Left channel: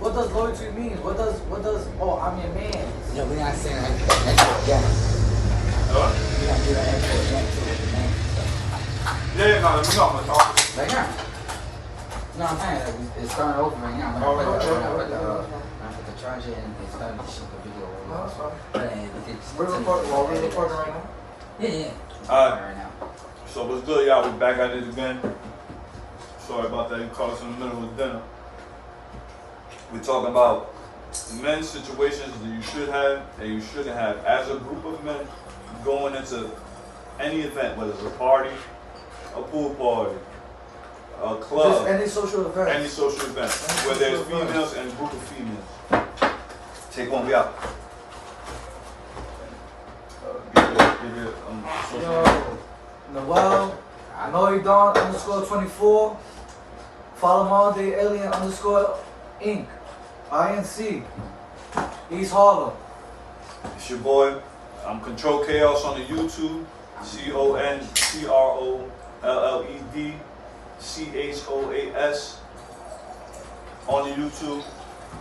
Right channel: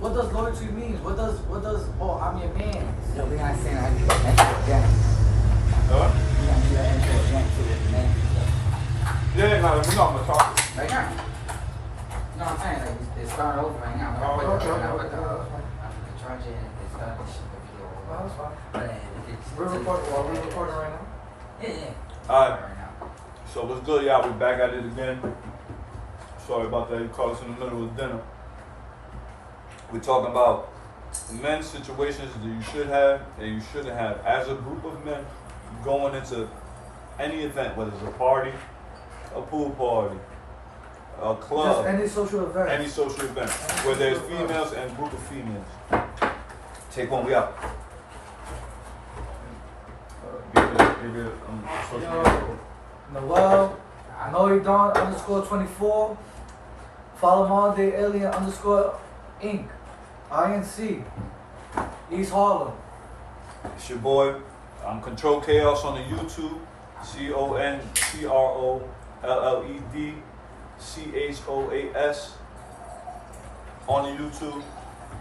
what does loyalty mean? What does oh, I'm your man? No, we're not saying that export again. What? We're gonna do that export again too, man. Yeah, no, we know I'm gonna talk. Right now. No, I'm saying like it's starting over right now. When I put the charger in, it's starting to shoot the video over. No, that's fine. But then we can just We're recording right now. Yeah. Alright. Right now. So what's good, y'all? We back at it again. Sorry about that. You caught us in the middle of dinner. We're talking about men's situations that you should have and you shouldn't have. As a group of men going into any event, whether it's a party, a pool party, a club, Just any social event. any social event, where there's females and a group of females. Take one, we out. Give it, social Yo, Noel, Noidon _24. Follow him all day, Alien _Inc. INC. East Harlem. It's your boy. I'm Control Chaos on the YouTube. CONTROLLED CHOAS on the YouTube.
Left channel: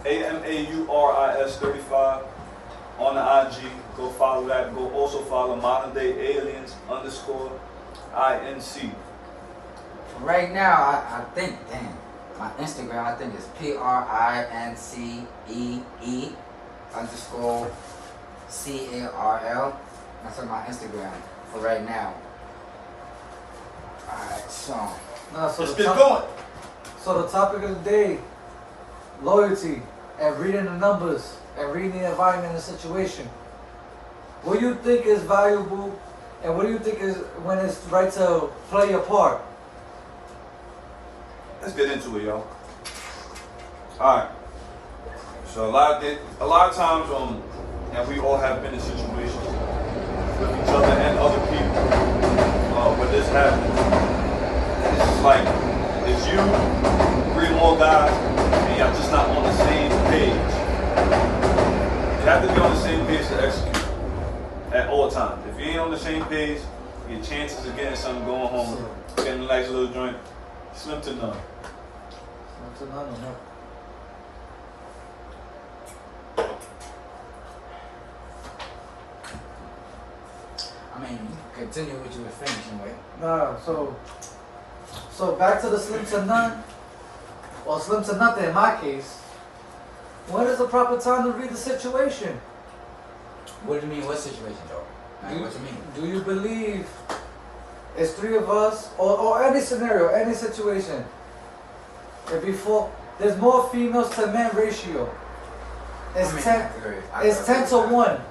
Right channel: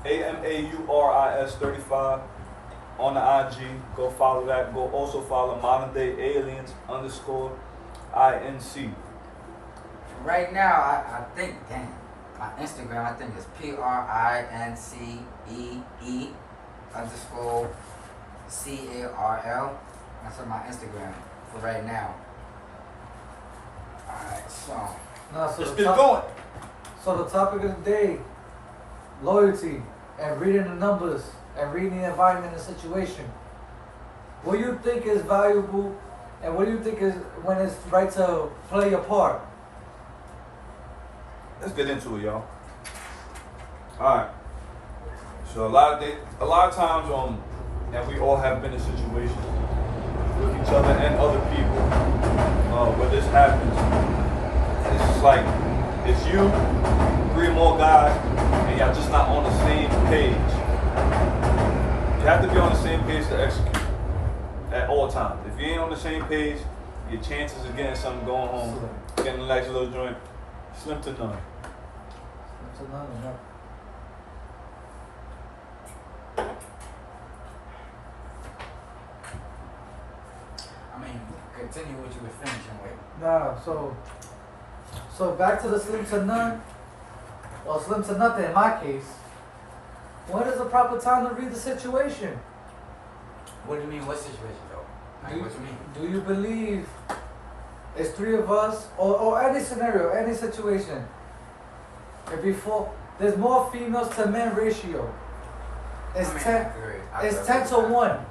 AMAURIS 35 on the IG. Go follow that. Go also follow Modern Day Aliens _INC. Right now, I think, damn, my Instagram, I think it's PRINCEE _CARL. That's on my Instagram for right now. Alright, so. Nah, so Let's the get top- going. So the topic of the day, loyalty and reading the numbers and reading the environment and the situation. What do you think is valuable and what do you think is when it's right to play your part? Let's get into it, y'all. All right. So a lot of times, and we all have been in situations with each other and other people where this happens. And it's just like it's you, 3 more guys, and y'all just not on the same page. You have to be on the same page to execute at all times. If you ain't on the same page, your chances of getting something going home, getting a nice little joint, slim to none. That's a no. I mean, continue what you were finishing with. Nah, so back to the slim to none, or slim to nothing in my case. When is the proper time to read the situation? What do you mean, what situation though? Like, what you mean? Do you believe it's 3 of us, or any scenario, any situation? If before there's more females to men ratio. It's I mean, 10. I agree. It's 10 to 1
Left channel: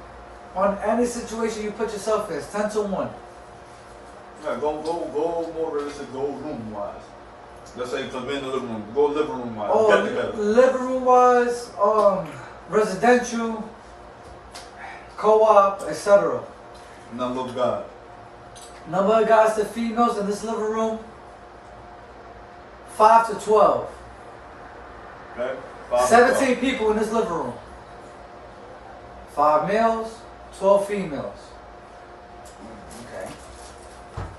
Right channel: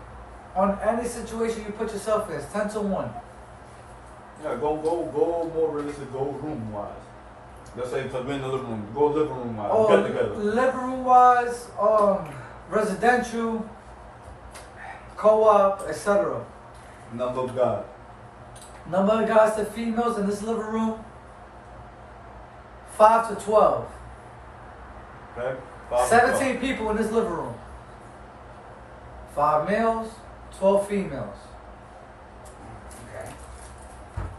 on any situation you put yourself in. It's 10 to 1. Yeah, go more realistic, go room wise. Let's say because we're in the living room. Go living room wise. Get together. Living room wise, residential, co-op, etc. Number of God. Number of guys to females in this living room, 5 to 12. Okay? 5 to 17 people in this living room. 5 males, 12 females. Okay.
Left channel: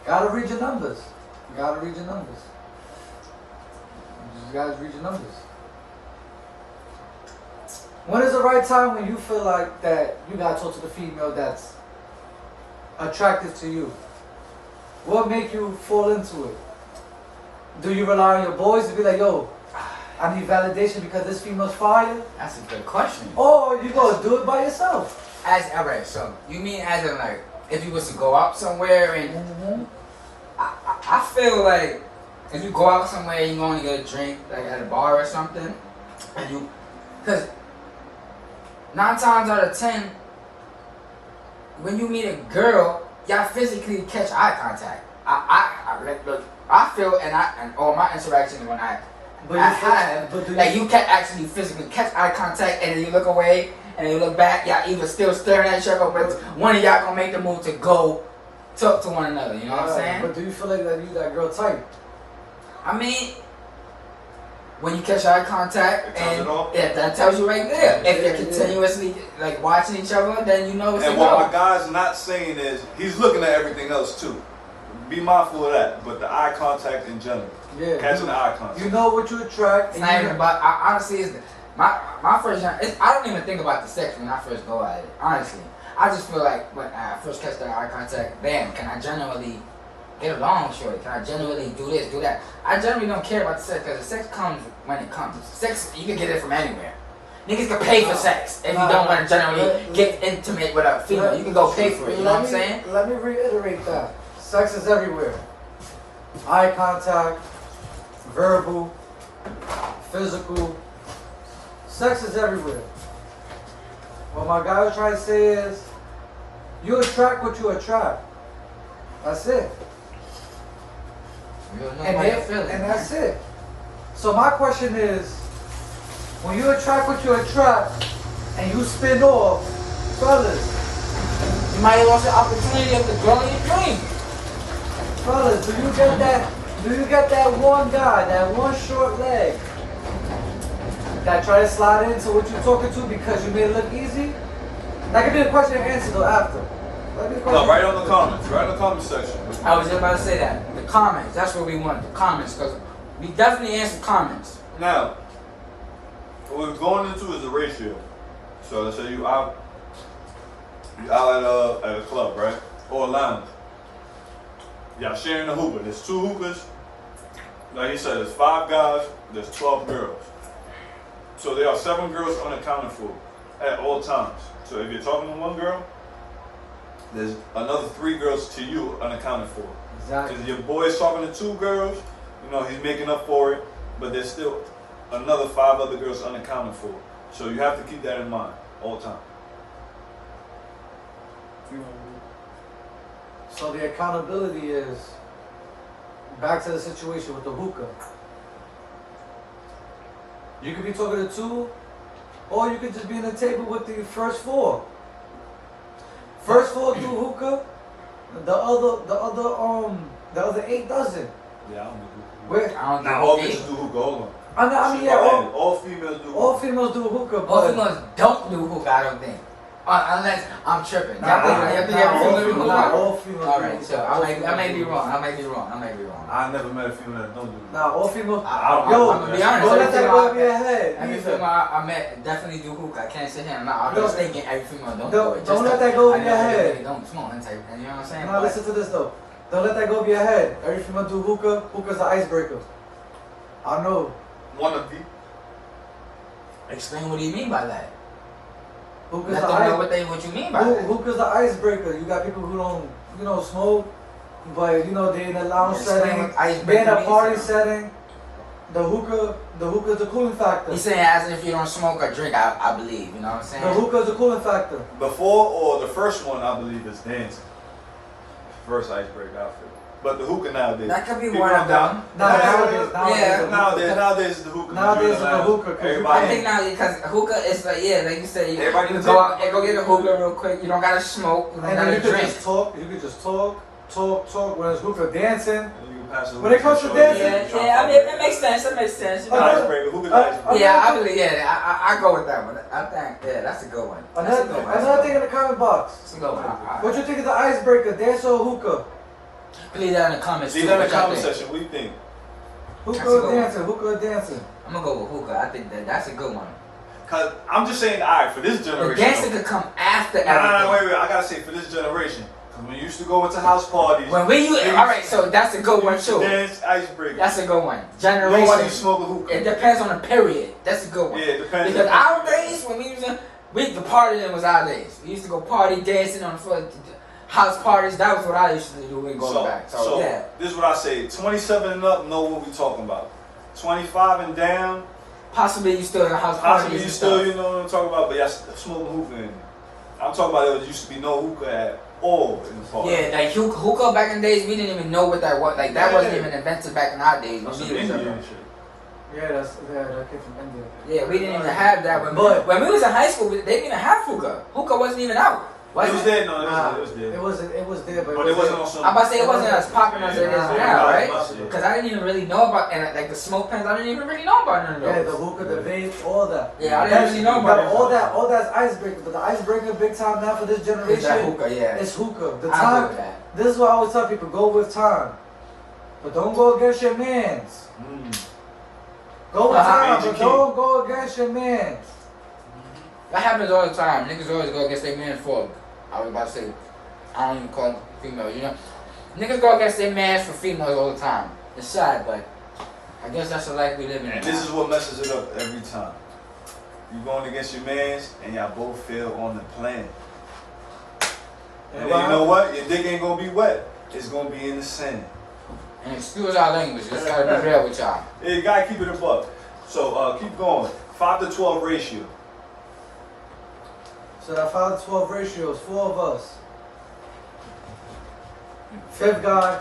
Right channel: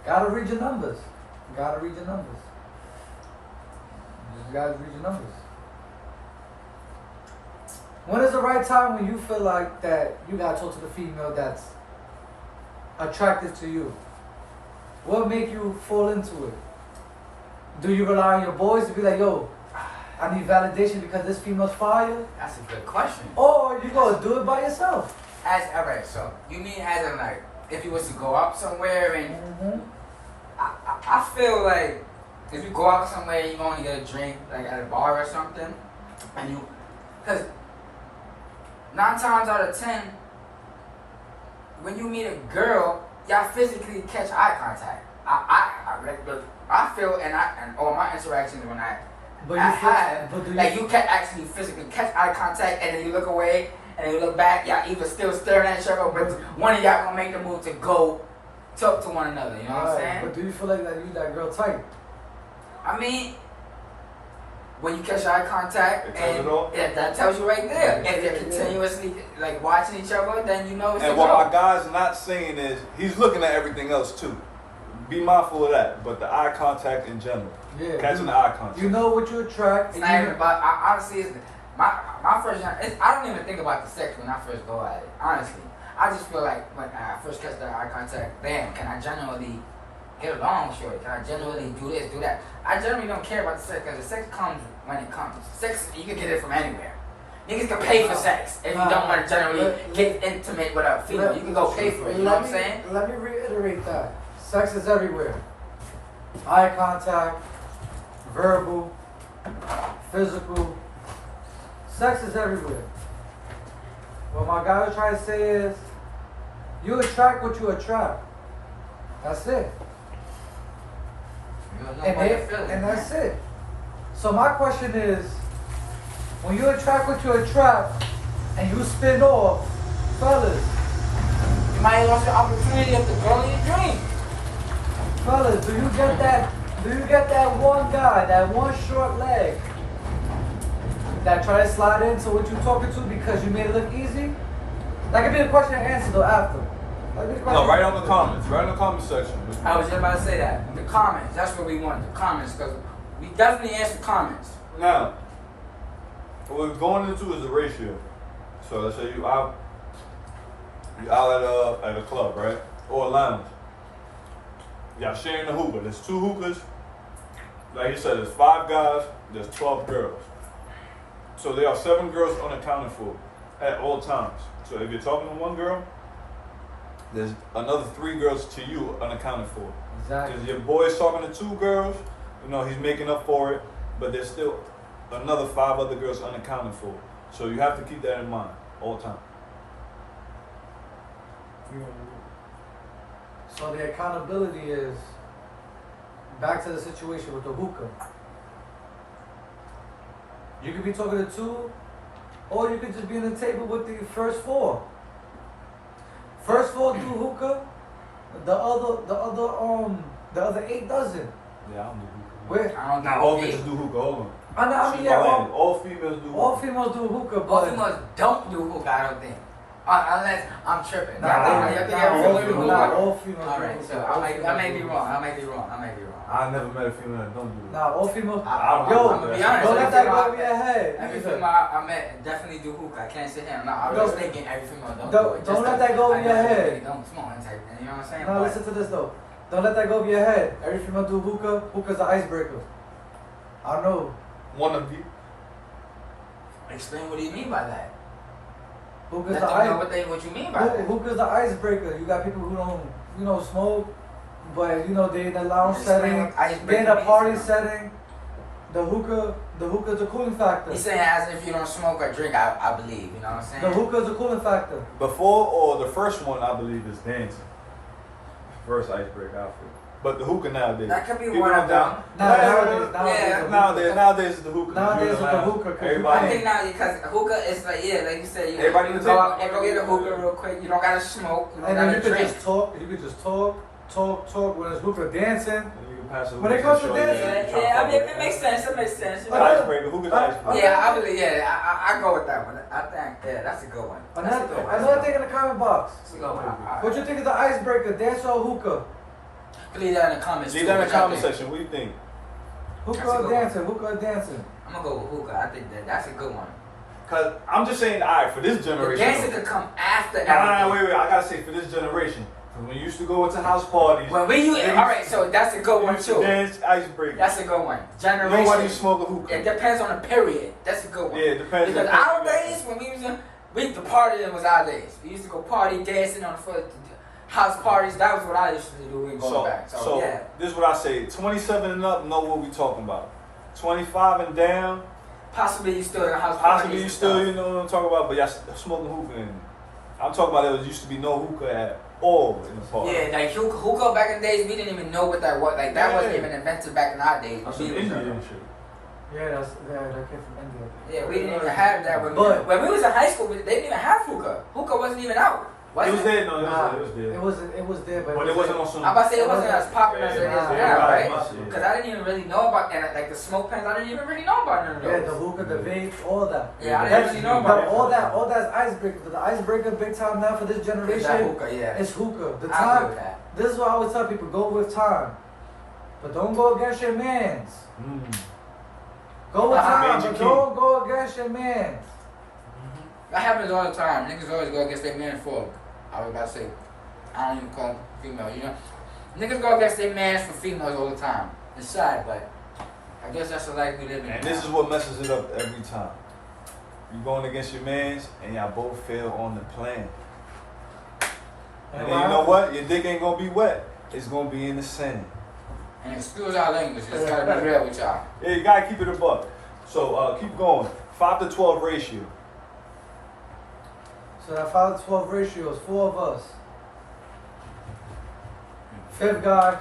Gotta read your numbers. Gotta read your numbers. You just gotta read your numbers. When is the right time when you feel like that you gotta talk to the female that's attractive to you? What make you fall into it? Do you rely on your boys to be like, yo, I need validation because this female's fire? That's a good question. Or you gonna do it by yourself? Alright, so you mean as in like if you was to go out somewhere and Mm-hmm. I feel like if you go out somewhere and you only get a drink like at a bar or something, and you, because 9 times out of 10, when you meet a girl, y'all physically catch eye contact. I feel and all my interactions when I have, but do you like you can actually physically catch eye contact and then you look away and then you look back, y'all either still staring at each other, but one of y'all gonna make the move to go talk to one another, you know what I'm saying? But do you feel like that you that girl type? I mean, when you catch eye contact, It tells and it all? that tells you right there. If you're Yeah. continuously like watching each other, then you know it's And a what go. my guy's not saying is he's looking at everything else too. Be mindful of that. But the eye contact in general. Yeah. Catching the eye contact. You know what you attract. It's And not you even, but honestly, it's my first, I don't even think about the sex when I first go at it. Honestly, I just feel like when I first catch that eye contact, bam, can I genuinely get along, shorty? Can I genuinely do this, do that? I generally don't care about the sex because the sex comes when it comes. Sex, you can get it from anywhere. Niggas can pay for sex if you don't want to generally get intimate with a female. You can go pay for it. You know what I'm saying? Let me reiterate that. Sex is everywhere. Eye contact, verbal, physical. Sex is everywhere. What my guy was trying to say is, you attract what you attract. That's it. And that's it. So my question is, when you attract what you attract, and you spin off, fellas, You might lost the opportunity of the girl in your dream. fellas, do you get that one guy, that one short leg, that try to slide into what you're talking to because you made it look easy? That could be a question and answer though after. No, right on the comments. Right in the comment section. I was just about to say that. The comments, that's what we want. The comments, because we definitely answer comments. Now, what we're going into is the ratio. So let's say you out at a club, right? Or a lounge. Y'all sharing the hookah. There's 2 hookahs. Like you said, there's 5 guys, there's 12 girls. So there are 7 girls unaccounted for at all times. So if you're talking to one girl, there's another 3 girls to you unaccounted for. Exactly. Because your boy's talking to 2 girls, you know, he's making up for it, but there's still another 5 other girls unaccounted for. So you have to keep that in mind all the time. So the accountability is back to the situation with the hookah. You could be talking to 2, or you could just be on the table with the first 4. First 4 do hookah, the other 8 doesn't. Yeah, I don't know who. Where? I don't Not all think bitches do hookah, hold on. I mean, yeah, all females do hookah. all females do hookah, all but females don't do hookah, I don't think. Unless I'm tripping. Nah, I think every female do hookah. all females do Alright, hookah. so All I females may do be hookah. wrong. I may be wrong. I never met a female that don't do hookah. Nah, all females. I don't Yo, know. I'm gonna be honest. don't let that go every over your head. Every either. female I met definitely do hookah. I can't sit here and I was thinking every female don't Don't- do it. don't let that go over your head. Don't smoke and type. You know what I'm saying? Now listen to this though. Don't let that go over your head. Every female do hookah. Hookah's the icebreaker. I know. One of the. Explain what do you mean by that? Hookah's Let the them know ice. what you mean by that. Hookah's the icebreaker. You got people who don't, smoke, but they in a lounge Explain setting, what icebreaker they in a means. party setting. The hookah's the cooling factor. He's saying as if you don't smoke or drink, I believe. You know what I'm saying? The hookah's the cooling factor. Before or the first one, I believe, is dancing. First icebreaker outfit. But the hookah nowadays. That could be people one don't of doubt- them. Nowadays is the hookah. Nowadays is the hookah, 'cause you Everybody. I think now because hookah is like like you say, Everybody you can go take- out and go get a hookah real quick. You don't gotta smoke. You don't And then you gotta could drink. just talk. You could just talk. When it's hookah dancing. And you can pass it When it comes to show dancing- you Yeah, trying yeah. to I mean, it makes sense. It makes sense. fuck with it. Icebreaker. Hookah's icebreaker. Yeah, I believe. Yeah, I go with that one. I think that's a good one. That's a good one. Another thing in the comment box. That's a good one. What you think is the icebreaker? Dance or hookah? Leave that in the comments. Leave too, that in what the y'all comment think. section. What do you think? Hookah That's a or good one. dancing? Hookah or dancing? I'm gonna go with hookah. I think that's a good one. Cause I'm just saying, alright, for this The generation. dancing though. could come after Nah, everything. wait. I gotta say, for this generation, cause when you used to go into house parties, When we all right, so that's a good you one used to too. dance icebreaker. That's a good one. You don't want Generation. to smoke a hookah. It depends on the period. That's a good one. Yeah, it depends. Because on our days when the party then was our days. We used to go party dancing on foot, house parties. That was what I used to do when we go back. So yeah. This is what I say. 27 and up know what we talking about. 25 and down, Possibly you still in a house party. possibly you still, you know what I'm talking about, but y'all smoking hookah in. I'm talking about there used to be no hookah at all in the party. Yeah, like hookah back in the days, we didn't even know what that was. Like that Yeah. wasn't even invented back in our days. That's when some we was Indian young. shit. Yeah, that came from India. Yeah, we didn't even have that. When we was in high school, they didn't even have hookah. Hookah wasn't even out. It was there, no, Nah, it was there. It was there, But it wasn't on some. I'm about to say it wasn't as popular as it is Yeah, now, yeah, right? yeah. Because I didn't even really know about like the smoke pens. I didn't even really know about none of Yeah, those. the hookah, the vape, all that. Yeah, I didn't really know about it. All that's icebreaker. But the icebreaker big time now for this It's that generation hookah, yeah. is hookah. The I agree time. with that. This is what I always tell people: go with time, but don't go against your mans. Go with time, Major but key. don't go against your man. That happens all the time. Niggas always go against their man for. I was about to say, I don't even call them females, you know. Niggas go against their mans for females all the time. It's sad, but I guess that's the life we live in. And this is what messes it up every time. You going against your mans, and y'all both fail on the plan. And then you know what? Your dick ain't gonna be wet. It's gonna be in the sand. And excuse our language, just gotta be real with y'all. Yeah, you gotta keep it above. So keep going. 5 to 12 ratio. So that 5 to 12 ratio is 4 of us. 5th guy.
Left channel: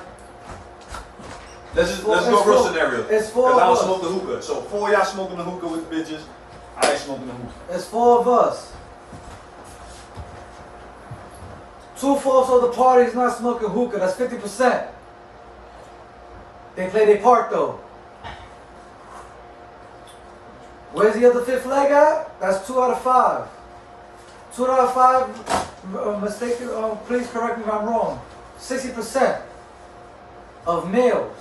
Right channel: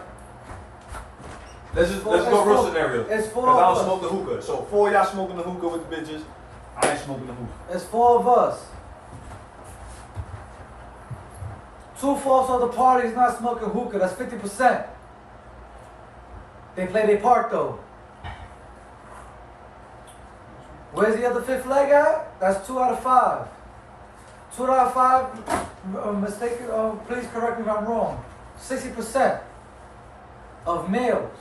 Let's It's go real four- scenario. it's 4 Because I of don't us. smoke the hookah. So 4 of y'all smoking the hookah with the bitches. I ain't smoking the hookah. It's 4 of us. 2/4 of the party is not smoking hookah. That's 50%. They play their part though. Where's the other 5th leg at? That's 2 out of 5. 2 out of 5. Mistaken. Please correct me if I'm wrong. 60% of males.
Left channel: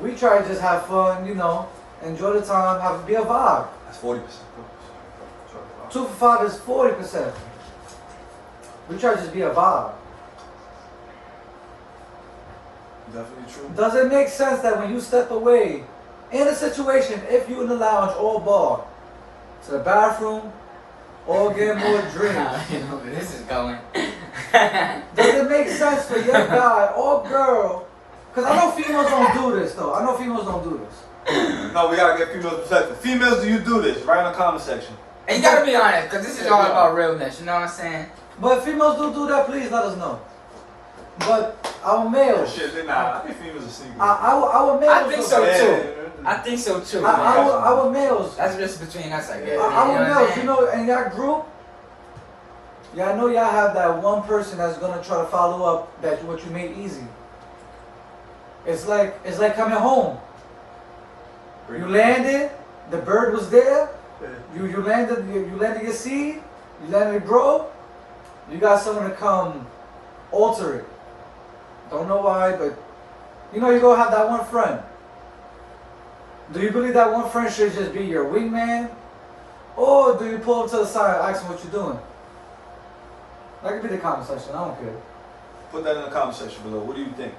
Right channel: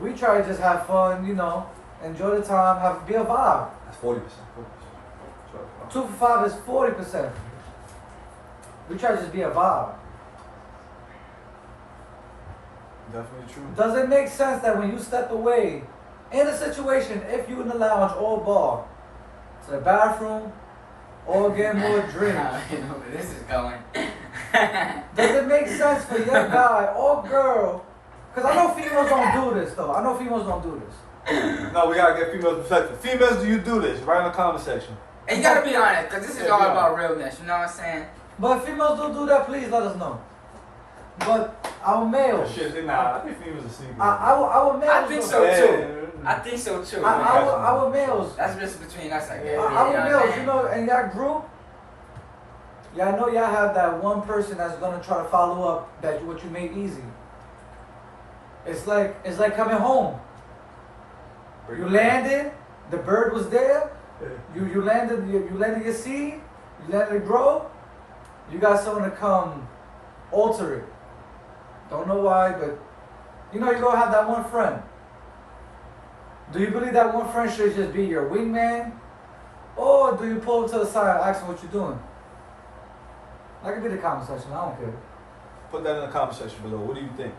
We try to just have fun, you know, enjoy the time, be a vibe. That's 40%. 2 for 5 is 40%. We try to just be a vibe. Definitely true. Does it make sense that when you step away in a situation, if you in the lounge or bar, to the bathroom or get more drink, This is going. does it make sense for your guy or girl? Because I know females don't do this though. I know females don't do this. No, we gotta get females perspective. Females, do you do this? Write in the comment section. And you gotta be honest, because this is all about realness, you know what I'm saying? But if females do that, please let us know. But our males, Shit, they not. I think females are sneaky. our males, I think so Yeah. too. I think so too. Our males, That's just between us, I guess. our males, you know, in that group, y'all know y'all have that one person that's gonna try to follow up that what you made easy. It's like coming home. You landed, the bird was there. You landed your seed. You let it grow. You got someone to come alter it. Don't know why, but you know you're gonna have that one friend. Do you believe that one friend should just be your wingman? Or do you pull him to the side and ask him what you're doing? That could be the comment section, I don't care. Put that in the comment section below. What do you think?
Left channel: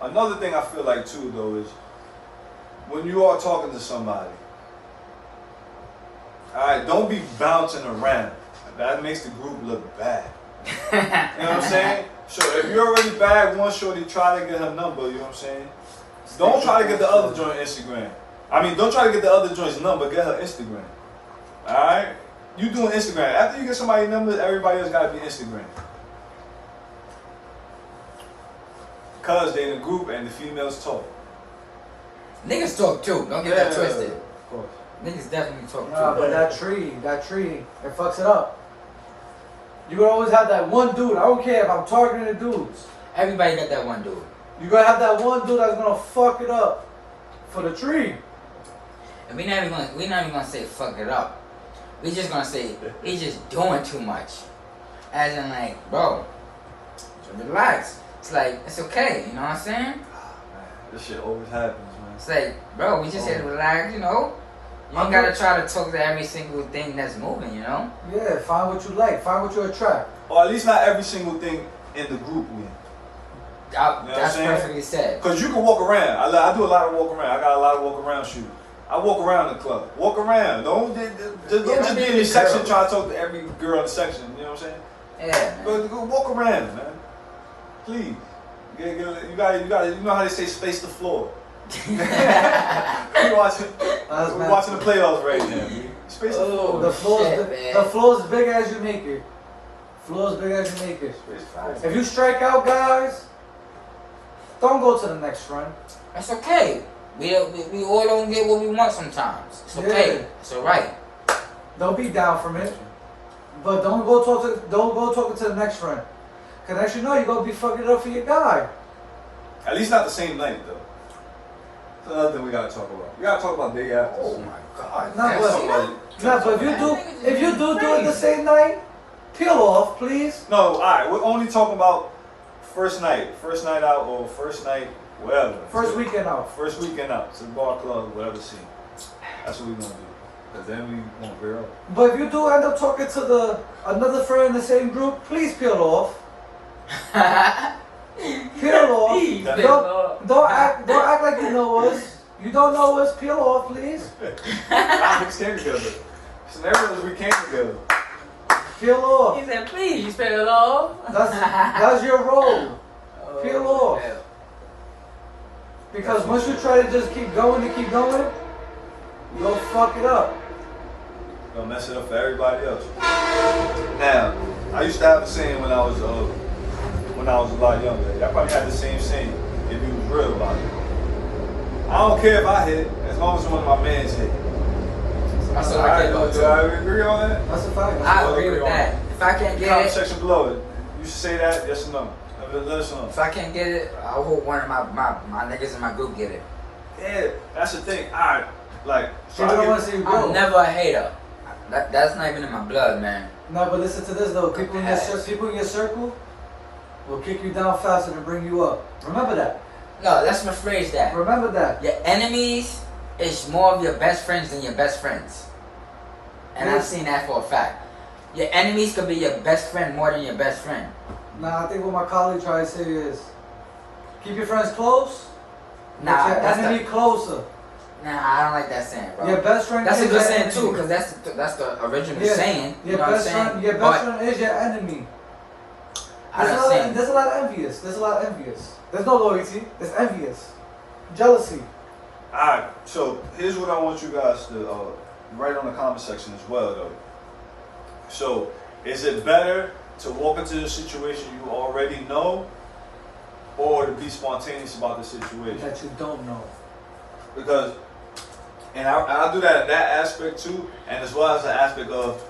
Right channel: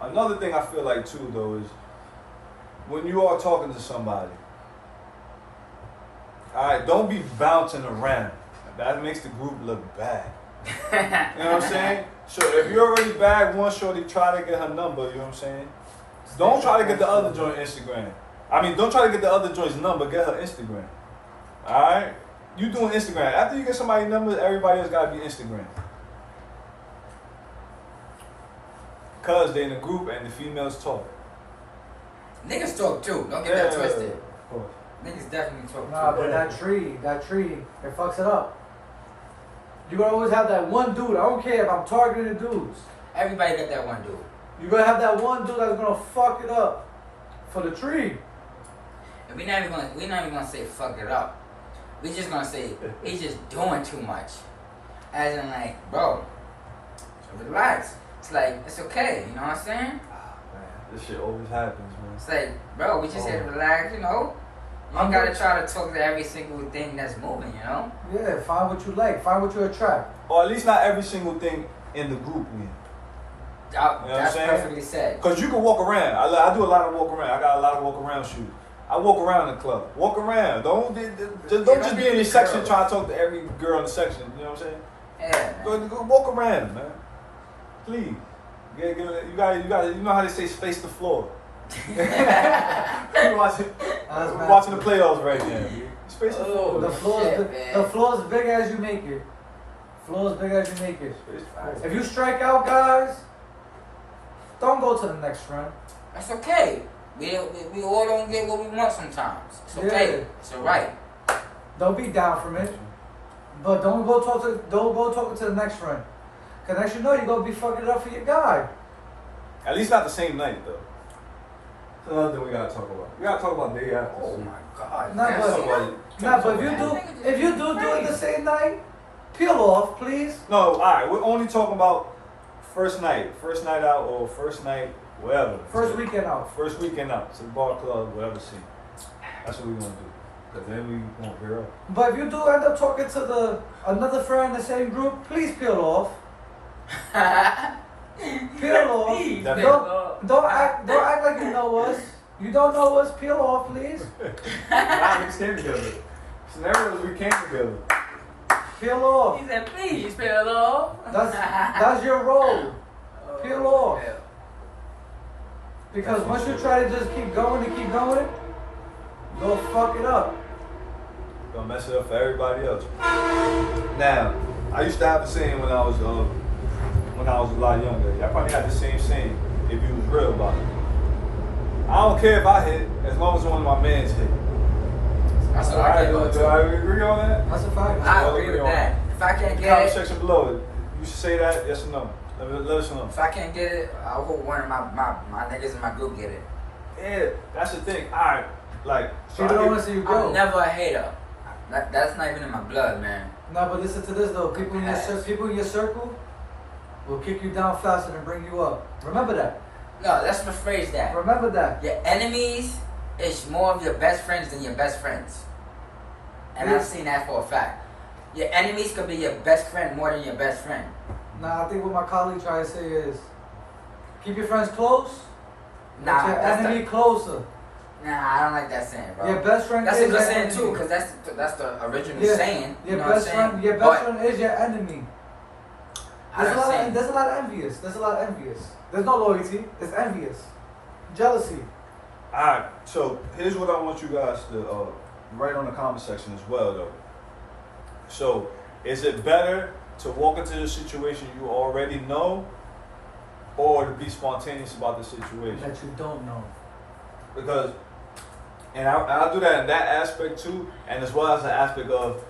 Another thing I feel like too though is when you are talking to somebody, alright, don't be bouncing around. That makes the group look bad. You know what I'm saying? So if you already bagged one shorty, try to get her number, you know what I'm saying? Don't try to get the other joint Instagram. I mean, don't try to get the other joint's number, get her Instagram. Alright? You doing Instagram. After you get somebody's number, everybody else gotta be Instagram. Cause they in a group and the females talk. Niggas talk too, don't get that twisted. Of course. Niggas definitely talk Nah, too. but that tree, it fucks it up. You gonna always have that one dude. I don't care if I'm targeting the dudes. Everybody got that one dude. You gotta have that one dude that's gonna fuck it up for the tree. And we're not even gonna say fuck it up. We just gonna say he's just doing too much. As in like, bro, so relax. It's like, it's okay, you know what I'm saying? This shit always happens, man. It's like, bro, we just said relax, you know? You don't gotta try to talk to every single thing that's moving, you know? Yeah, find what you like, find what you attract. Or at least not every single thing in the group, man. That's what I'm saying? perfectly said. Cause you can walk around. I do a lot of walk around. I got a lot of walk around shoes. I walk around the club. Walk around. Don't just be in your section trying to talk to every girl in the section. You know what I'm saying? Yeah, man. Go walk around, man. Please. You know how they say space the floor. We watching the playoffs right now, man. Space the floor. The floor shit, is man. the floor is big as you make it. Floor is big as you make it. Space the floor. If you strike out, guys, don't go to the next friend. That's okay. We all don't get what we want sometimes. It's okay. Yeah. It's alright. Don't be down from it. But don't go talking to the next friend. Cause as you know, you're gonna be fucking it up for your guy. At least not the same night, though. That's another thing we gotta talk about. We gotta talk about day after. Oh my god. Nah, That's but- so- Nah, but if you do it the same night, peel off, please. No, alright, we're only talking about first night out or first night wherever. First weekend out. First weekend out to the bar, club, whatever scene. That's what we gonna do. Cause then we gonna veer up. But if you do end up talking to another friend in the same group, please peel off. Peel off. Please, Don't act like you know us. You don't know us. Peel off, please. Nah, we came together. Scenarios we came together. Peel off. He said, please, peel off. That's your role. Peel off. Yeah. Because once you try to just keep going, you'll fuck it up. Gonna mess it up for everybody else. Now, I used to have the saying when I was a lot younger. I probably had the same saying if you was real about it. I don't care if I hit, as long as one of my mans hit. I still like that though, Do too. I agree on that? That's a fact. I agree with that. If I can't get Comment it, section below it. You should say that, yes or no. Let us know. if I can't get it, I hope one of my niggas in my group get it. Yeah, that's the thing. Alright, like, so People don't want to see you I'm grow. never a hater. That's not even in my blood, man. No, but listen to this though. People in your circle will kick you down faster than bring you up. Remember that. No, let's rephrase that. Remember that. Your enemies is more of your best friends than your best friends. And I've seen that for a fact. Your enemies could be your best friend more than your best friend. Nah, I think what my colleague tried to say is keep your friends close, Nah, but your that's enemy closer. Nah, I don't like that saying, bro. Your best friend That's is a good your saying enemy. too, because that's the original Yeah, saying. You Your know what I'm best saying? friend, your But best friend is your enemy. I don't say- There's a lot of envious. There's a lot of envious. There's no loyalty. There's envious, jealousy. alright, so here's what I want you guys to write on the comment section as well, though. So, is it better to walk into the situation you already know, or to be spontaneous about the situation? That you don't know. Because, and I'll do that in that aspect too, and as well as the aspect of,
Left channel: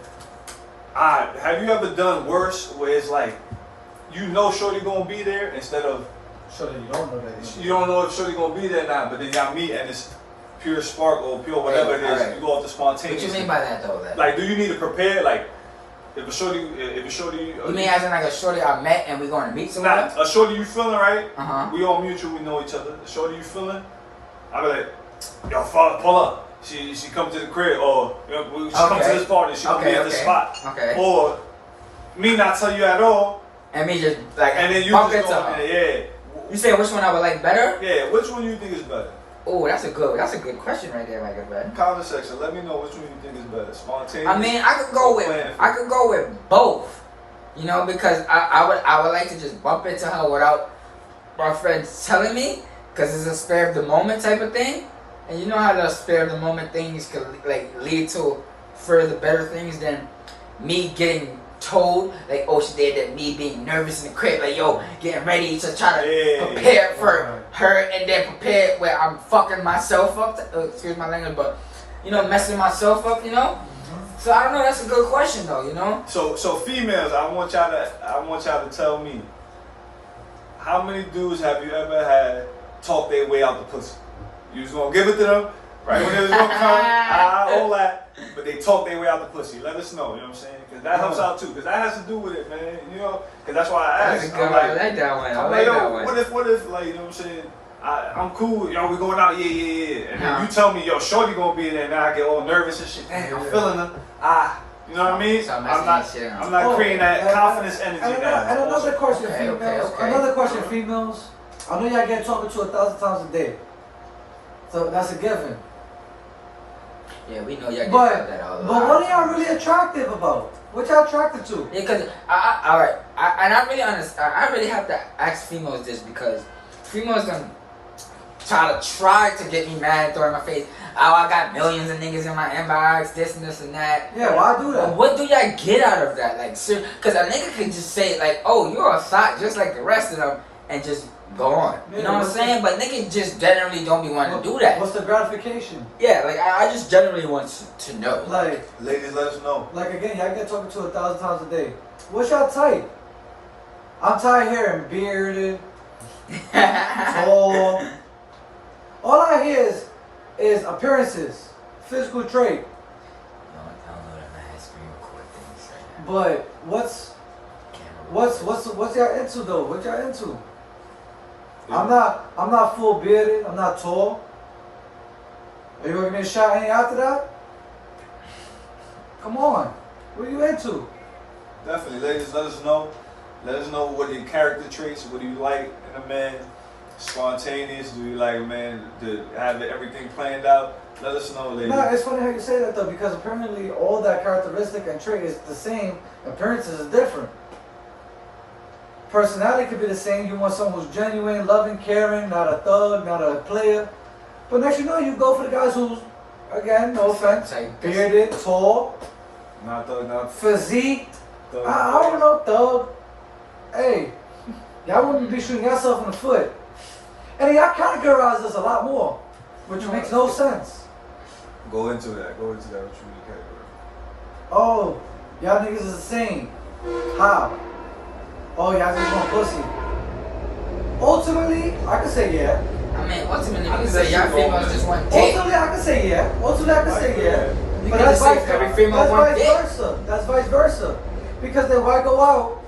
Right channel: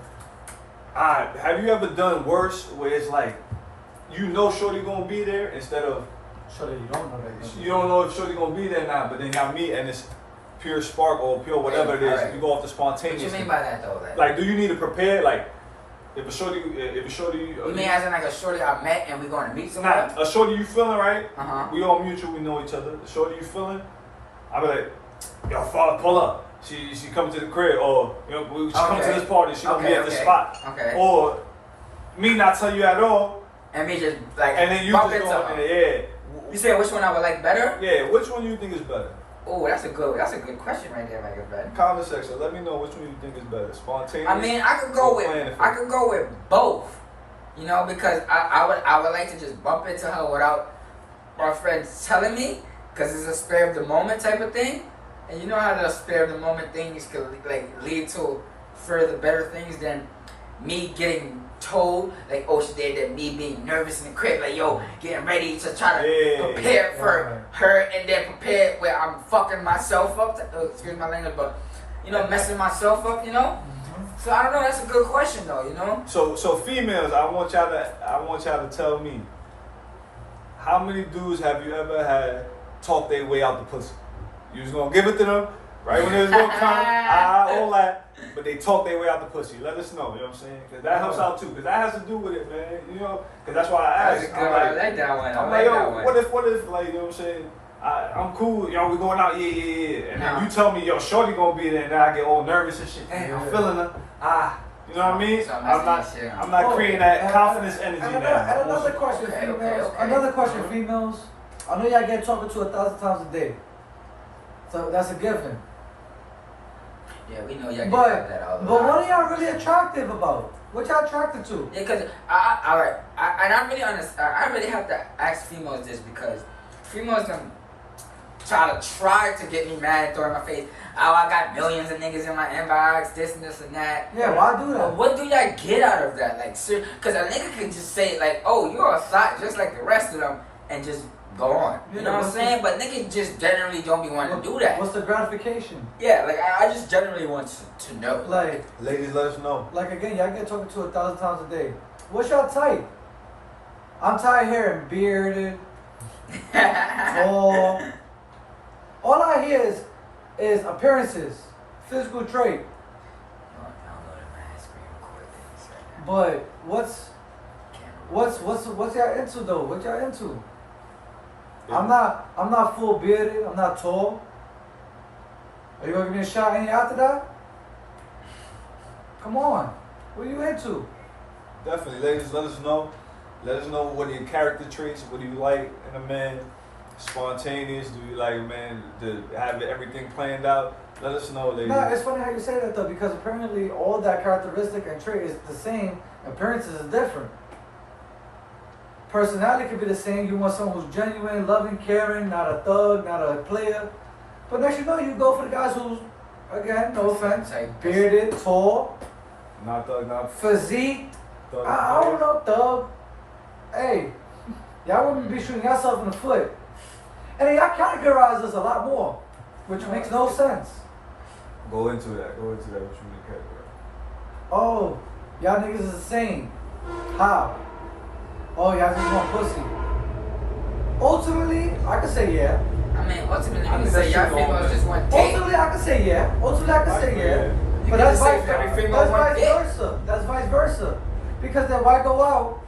have you ever done worse where it's like, you know Shorty gonna be there instead of, Surely you don't know that. you don't know if Shorty gonna be there or not, but then y'all meet and it's pure spark or pure whatever it is, Alright. you go off the What spontaneous. you mean by that though? Like, do you need to prepare? Like, if a shorty, You mean as in like a shorty I met and we going to meet someone? not a shorty you feeling right? Uh-huh. We all mutual, we know each other. The shorty you feeling? I be like, yo, pull up. She come to the crib, or you know, she come to Okay. this party. She gonna be at this spot. Okay. Or me not tell you at all, And me just like and then you bump just into go her. in there. You say which one I would like better? Yeah, which one you think is better? Oh, that's a good question right there, my good friend. Comment section. Let me know which one you think is better. Spontaneous. I mean, I could go with both. You know, because I would like to just bump into her without my friends telling me, because it's a spare of the moment type of thing. And you know how the spare of the moment things could like lead to further better things than me getting told, like, oh, she did that, me being nervous in the crib, like, yo, getting ready to try to prepare for her, and then prepare where I'm fucking myself up, excuse my language, but, you know, messing myself up, you know? So I don't know, that's a good question though, you know? So females, I want y'all to tell me, how many dudes have you ever had talk their way out the pussy? You just gonna give it to them, right when there's no time, all that, but they talk their way out the pussy. Let us know, you know what I'm saying? Because that helps out too, because that has to do with it, man. You know, because that's why I That's a asked. good I'm one. I like, like that one. I I'm like like, that yo, one. what if, like, you know what I'm saying? I'm cool, yo, we going out, yeah. And then Uh-huh. you tell me, yo, shorty gonna be there, and then I get all nervous and shit. Damn, I'm feeling her. You know what I mean? So I'm I'm not, messing that shit up. I'm not creating that confidence energy And now. another question, Okay, females. okay. Another question, females. I know y'all get talking to 1,000 times a day, so that's a given. Yeah, we know y'all get But that all the what time. are y'all really attractive about? What y'all attracted to? Yeah, cause I really have to ask females this, because females gonna try to get me mad and throw in my face. Oh, I got millions of niggas in my inbox, this and this and that. Yeah, why do But that? what do y'all get out of that? Like, cause a nigga can just say like, oh, you're a thought just like the rest of them, and just go on. Yeah, You know what I'm what's saying? But niggas just generally don't be wanting to do that. What's the gratification? Yeah, like I just generally want to know. Like Ladies, let us know. again, y'all get talking to 1,000 times a day. What's y'all type? I'm tired here and bearded, tall. All I hear is appearances, physical trait. But what's y'all into though? What y'all into? I'm not full bearded. I'm not tall. Are you gonna give me a shot any after that? Come on. What are you into? Definitely, ladies, let us know. Let us know what your character traits, what do you like in a man? Spontaneous, do you like a man to have everything planned out? Let us know, ladies. No, it's funny how you say that though, because apparently all that characteristic and trait is the same. Appearances is different. Personality could be the same. You want someone who's genuine, loving, caring, not a thug, not a player. But next you know, you go for the guys who's, again, no offense, Like, bearded, tall, Not thug, not physique. thug. I don't know, thug. Hey, y'all wouldn't be shooting yourself in the foot. And y'all categorize us a lot more, which makes no sense. Go into that. What you mean, Oh, y'all niggas is the same. How? Oh, y'all just want pussy. Ultimately, I could say yeah. I mean, ultimately, I you can think say that y'all shit going females on. just want dick. Ultimately, I could say yeah. Ultimately, I could say yeah. You But can that's just say vice, every female that's want vice dick. versa. That's vice versa. Because then why go out?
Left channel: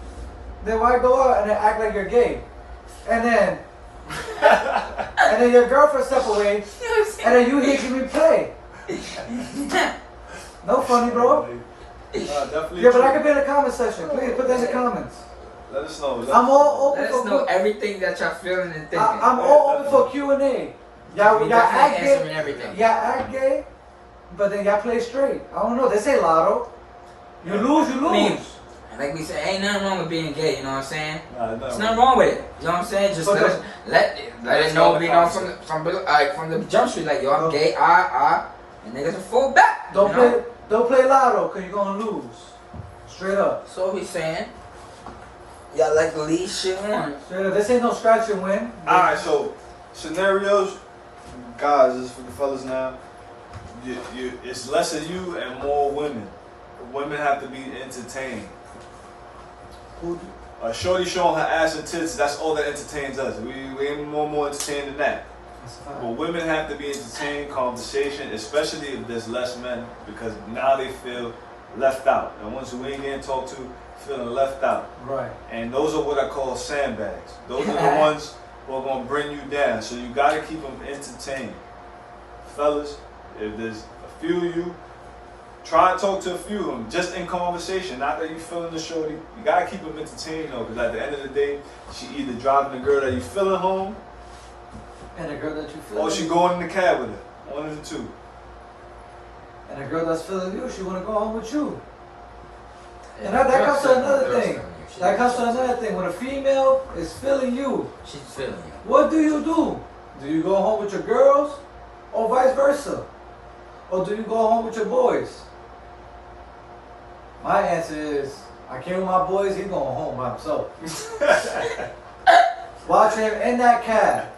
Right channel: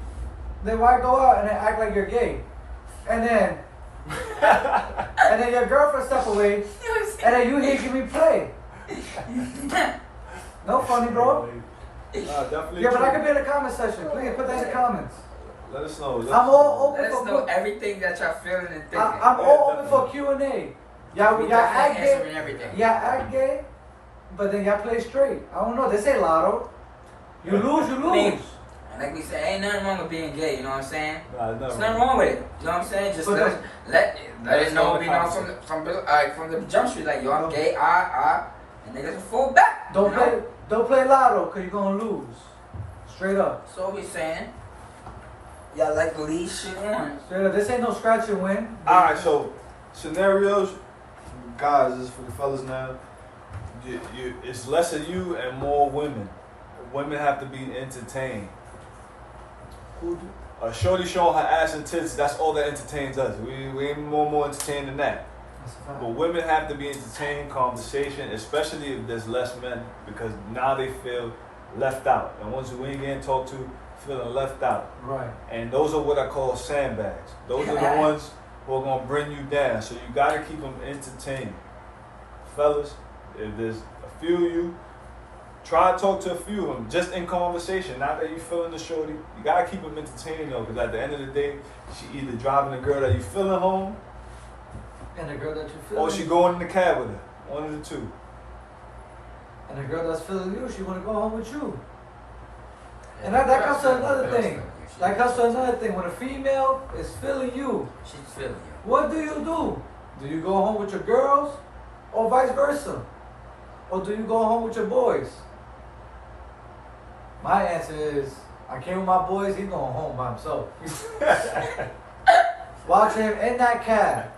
Then why go out and then act like you're gay? And then your girlfriend step away, and then you here give me play. No funny, bro. Definitely. Yeah, but I true. could be in the comment section. Please put that in the comments. Let us know. I'm all open Let us for know everything that y'all feeling and thinking. I'm all open for Q&A. Y'all We act definitely gay. answering everything. Y'all act gay, but then y'all play straight. I don't know. They say lotto. You lose, you lose. Leave. And like we said, ain't nothing wrong with being gay, you know what I'm saying? Nah, There's nothing wrong with it. You know what I'm saying? Just But let it know, we know from the jump street, like yo, I'm No. gay, and niggas will fall back. Don't you know? play lotto, cause you're gonna lose. Straight up. So what we saying? Y'all like to leave shit on. Straight up. This ain't no scratch and win. Alright, so scenarios, guys, this is for the fellas now. It's less of you and more women. Women have to be entertained. A shorty showing her ass and tits, that's all that entertains us. We ain't more entertained than that. That's But fine. women have to be entertained, conversation, especially if there's less men, because now they feel left out. And ones who ain't getting talked to, feeling left out. Right. And those are what I call sandbags. Those are the ones who are gonna bring you down. So you gotta keep them entertained. Fellas, if there's a few of you, try to talk to a few of them, just in conversation. Not that you feeling the shorty. You gotta keep them entertained though, because at the end of the day, she either driving the girl that you feeling home, And a girl that you feel. or she going in the cab with her. One of the two. And a girl that's feeling you, she wanna go home with you. And that comes to another thing. That comes to another thing. When a female is feeling you, She's feeling you. what do you do? Do you go home with your girls, or vice versa? Or do you go home with your boys? My answer is, I came with my boys, he's going home by himself. Watch him in that cab.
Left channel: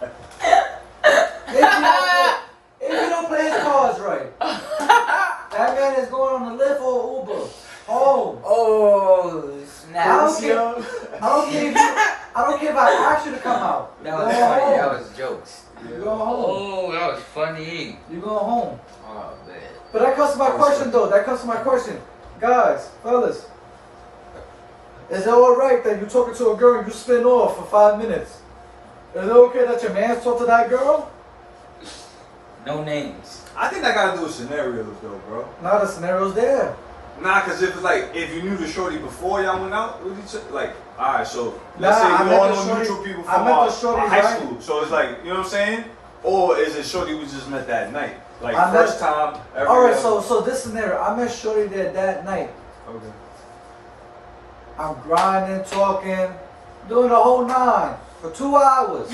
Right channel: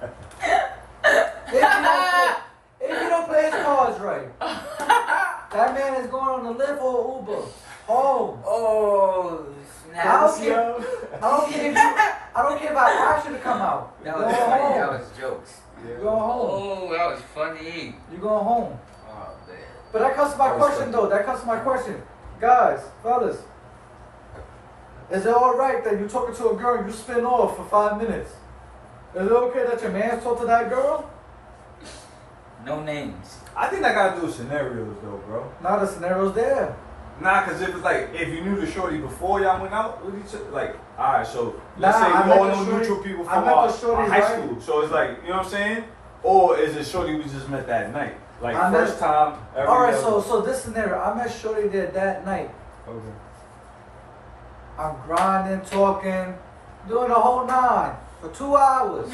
If you don't play his cards right, that man is going on the Lyft or Uber. Home. Oh, snap. I don't care. I don't care if I ask you to come out. That You're was going funny. That home. was jokes. You're going home. Oh, that was funny. You're going home. Oh, man. But that comes to my question though. That comes to my question. Guys, fellas, is it alright that you talking to a girl and you spin off for 5 minutes? Is it okay that your man talk to that girl? No names. I think that gotta do with scenarios though, bro. Now the scenario's there. Nah, cause if it's like if you knew the shorty before y'all went out with each other, like alright, so let's Nah, say I you met all the know shorty- mutual people I from met the our shorty, high right? school. So it's like, you know what I'm saying? Or is it shorty we just met that night? Like I first met- time ever. Alright, so this scenario, I met Shorty there that night. Okay. I'm grinding, talking, doing the whole 9 for 2 hours.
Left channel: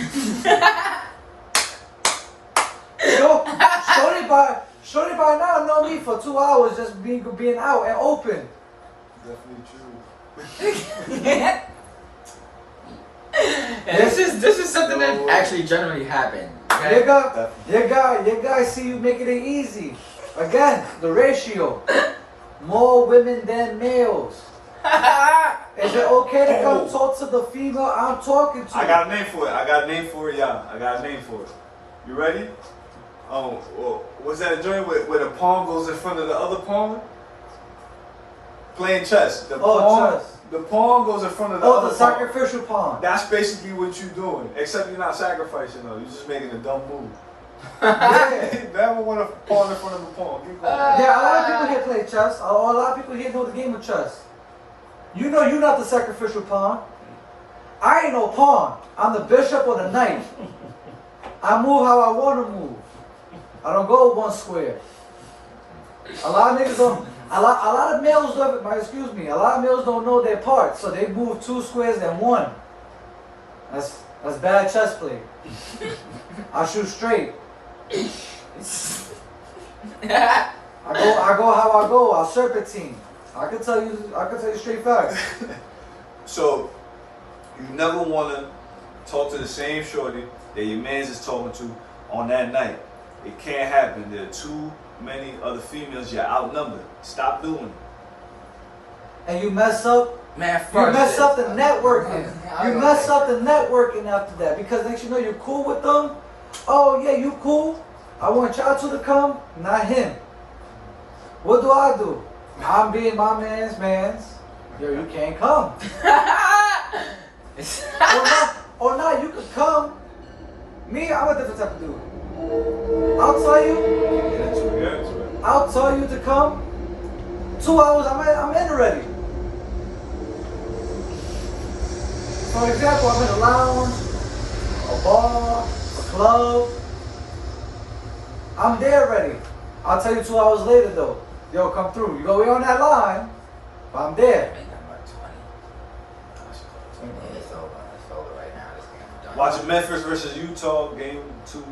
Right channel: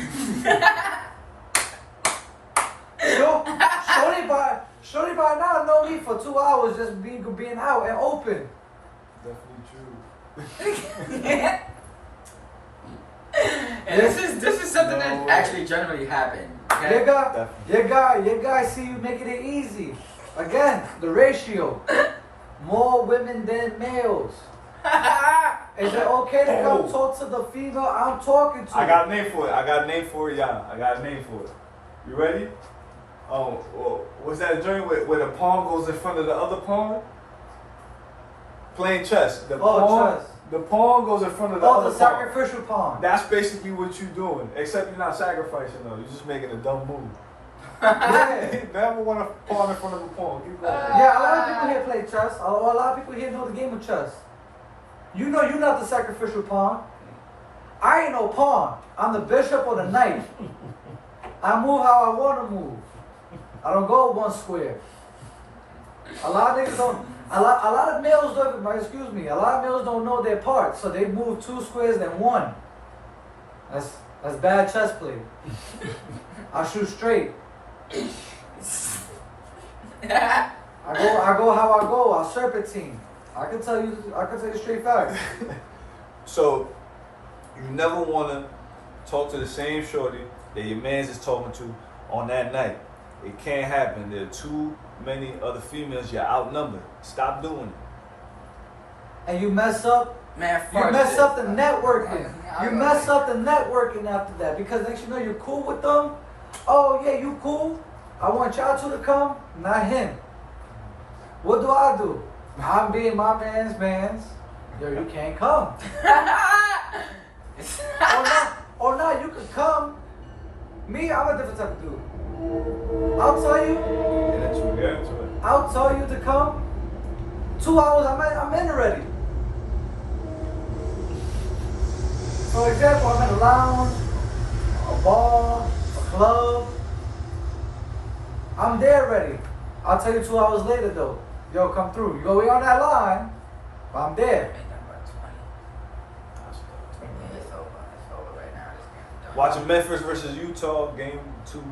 Shorty by now know me for 2 hours just being out and open. Definitely true. And this is something that actually generally happened. Okay? Your guy see you making it easy. Again, the ratio. More women than males. Is it okay to come talk to the female I'm talking to? I got a name for it. I got a name for it, y'all. I got a name for it. You ready? What's that joint where the pawn goes in front of the other pawn? Playing chess. The Oh, pawn, chess. The pawn goes in front of the Oh, other the pawn. sacrificial pawn. That's basically what you're doing, except you're not sacrificing though. You're just making a dumb move. Yeah. Never want a pawn in front of a pawn. Keep going. Yeah, a lot of people here play chess. A lot of people here know the game of chess. You know you're not the sacrificial pawn. I ain't no pawn. I'm the bishop or the knight. I move how I want to move. I don't go one square. A lot of niggas don't. A lot of males don't. Excuse me. A lot of males don't know their parts, so they move 2 squares and 1. That's bad chess play. I shoot straight. I go how I go. I serpentine. I can tell you straight facts. So you never want to talk to the same shorty that your man's is talking to on that night. It can't happen. There are too many other females. You're outnumbered. Stop doing it. And you mess up. Man, You fuck mess shit. up the networking. I You don't mess like- up the networking after that because next you know you're cool with them. Oh yeah, you cool. I want y'all two to come, not him. What do? I'm being my man's. Yo, you can't come. Or not, you could come. Me, I'm a different type of dude. I'll tell you. Get into it. I'll tell you to come. 2 hours, I'm in already. For example, I'm in a lounge, a bar, a club. I'm there already. I'll tell you 2 hours later though. Yo, come through. You go on that line, but I'm there. It's over right now. This game done. Watching Memphis versus Utah, game 2,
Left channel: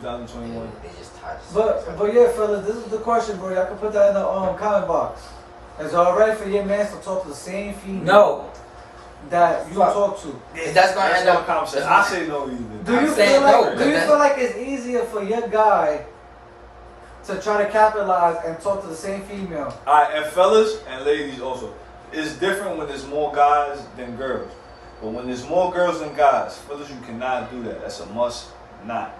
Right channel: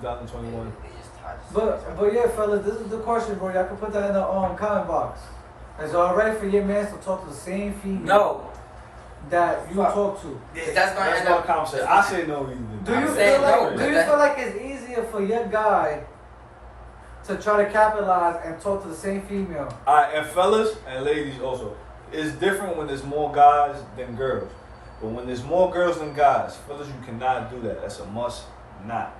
2021. They just touched. But yeah, fellas, this is the question, bro. Y'all can put that in the comment box. Is y'all ready for your man to talk to the same female No. that you Fuck. talk to? That's gonna end no up. conversation. I say no either. Do you I'm feel saying like no, but that's- feel like it's easier for your guy to try to capitalize and talk to the same female? Alright, and fellas and ladies also, it's different when there's more guys than girls. But when there's more girls than guys, fellas, you cannot do that. That's a must not.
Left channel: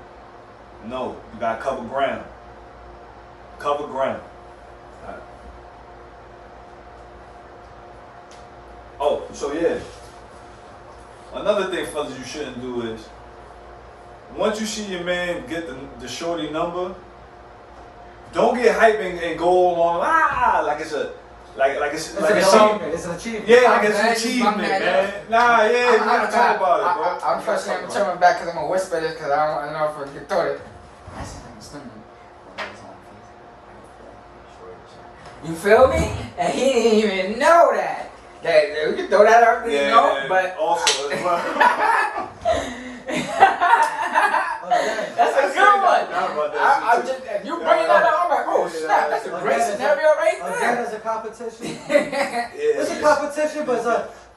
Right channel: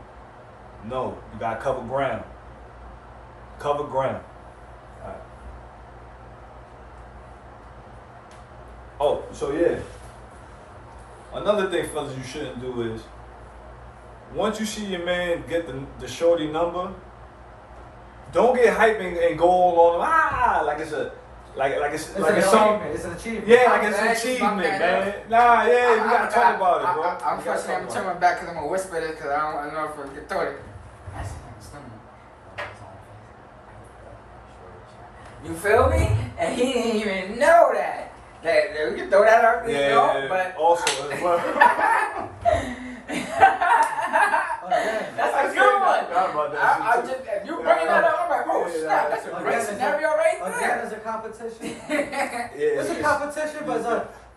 No, you gotta cover ground. Cover ground. Alright. Oh, so yeah. Another thing, fellas, you shouldn't do is once you see your man get the shorty number, don't get hype and go along like it's a like it's It's like an it's some achievement. It's an achievement. yeah like it's an That's my achievement, man. man. Nah, yeah, you gotta talk about it, bro. I'm You gotta first talk I'm about turning back because I'm gonna whisper this because I don't want to know if I can throw it. You feel me? And he didn't even know that. That we can throw that out it. there, Yeah, you know? yeah, But also as well. Okay. that's a I good one. forgot about that I shit, just, if you bring that up, I'm like, oh snap, that's a great Again, scenario right Again, there. it's a competition. Yeah, It's a competition, but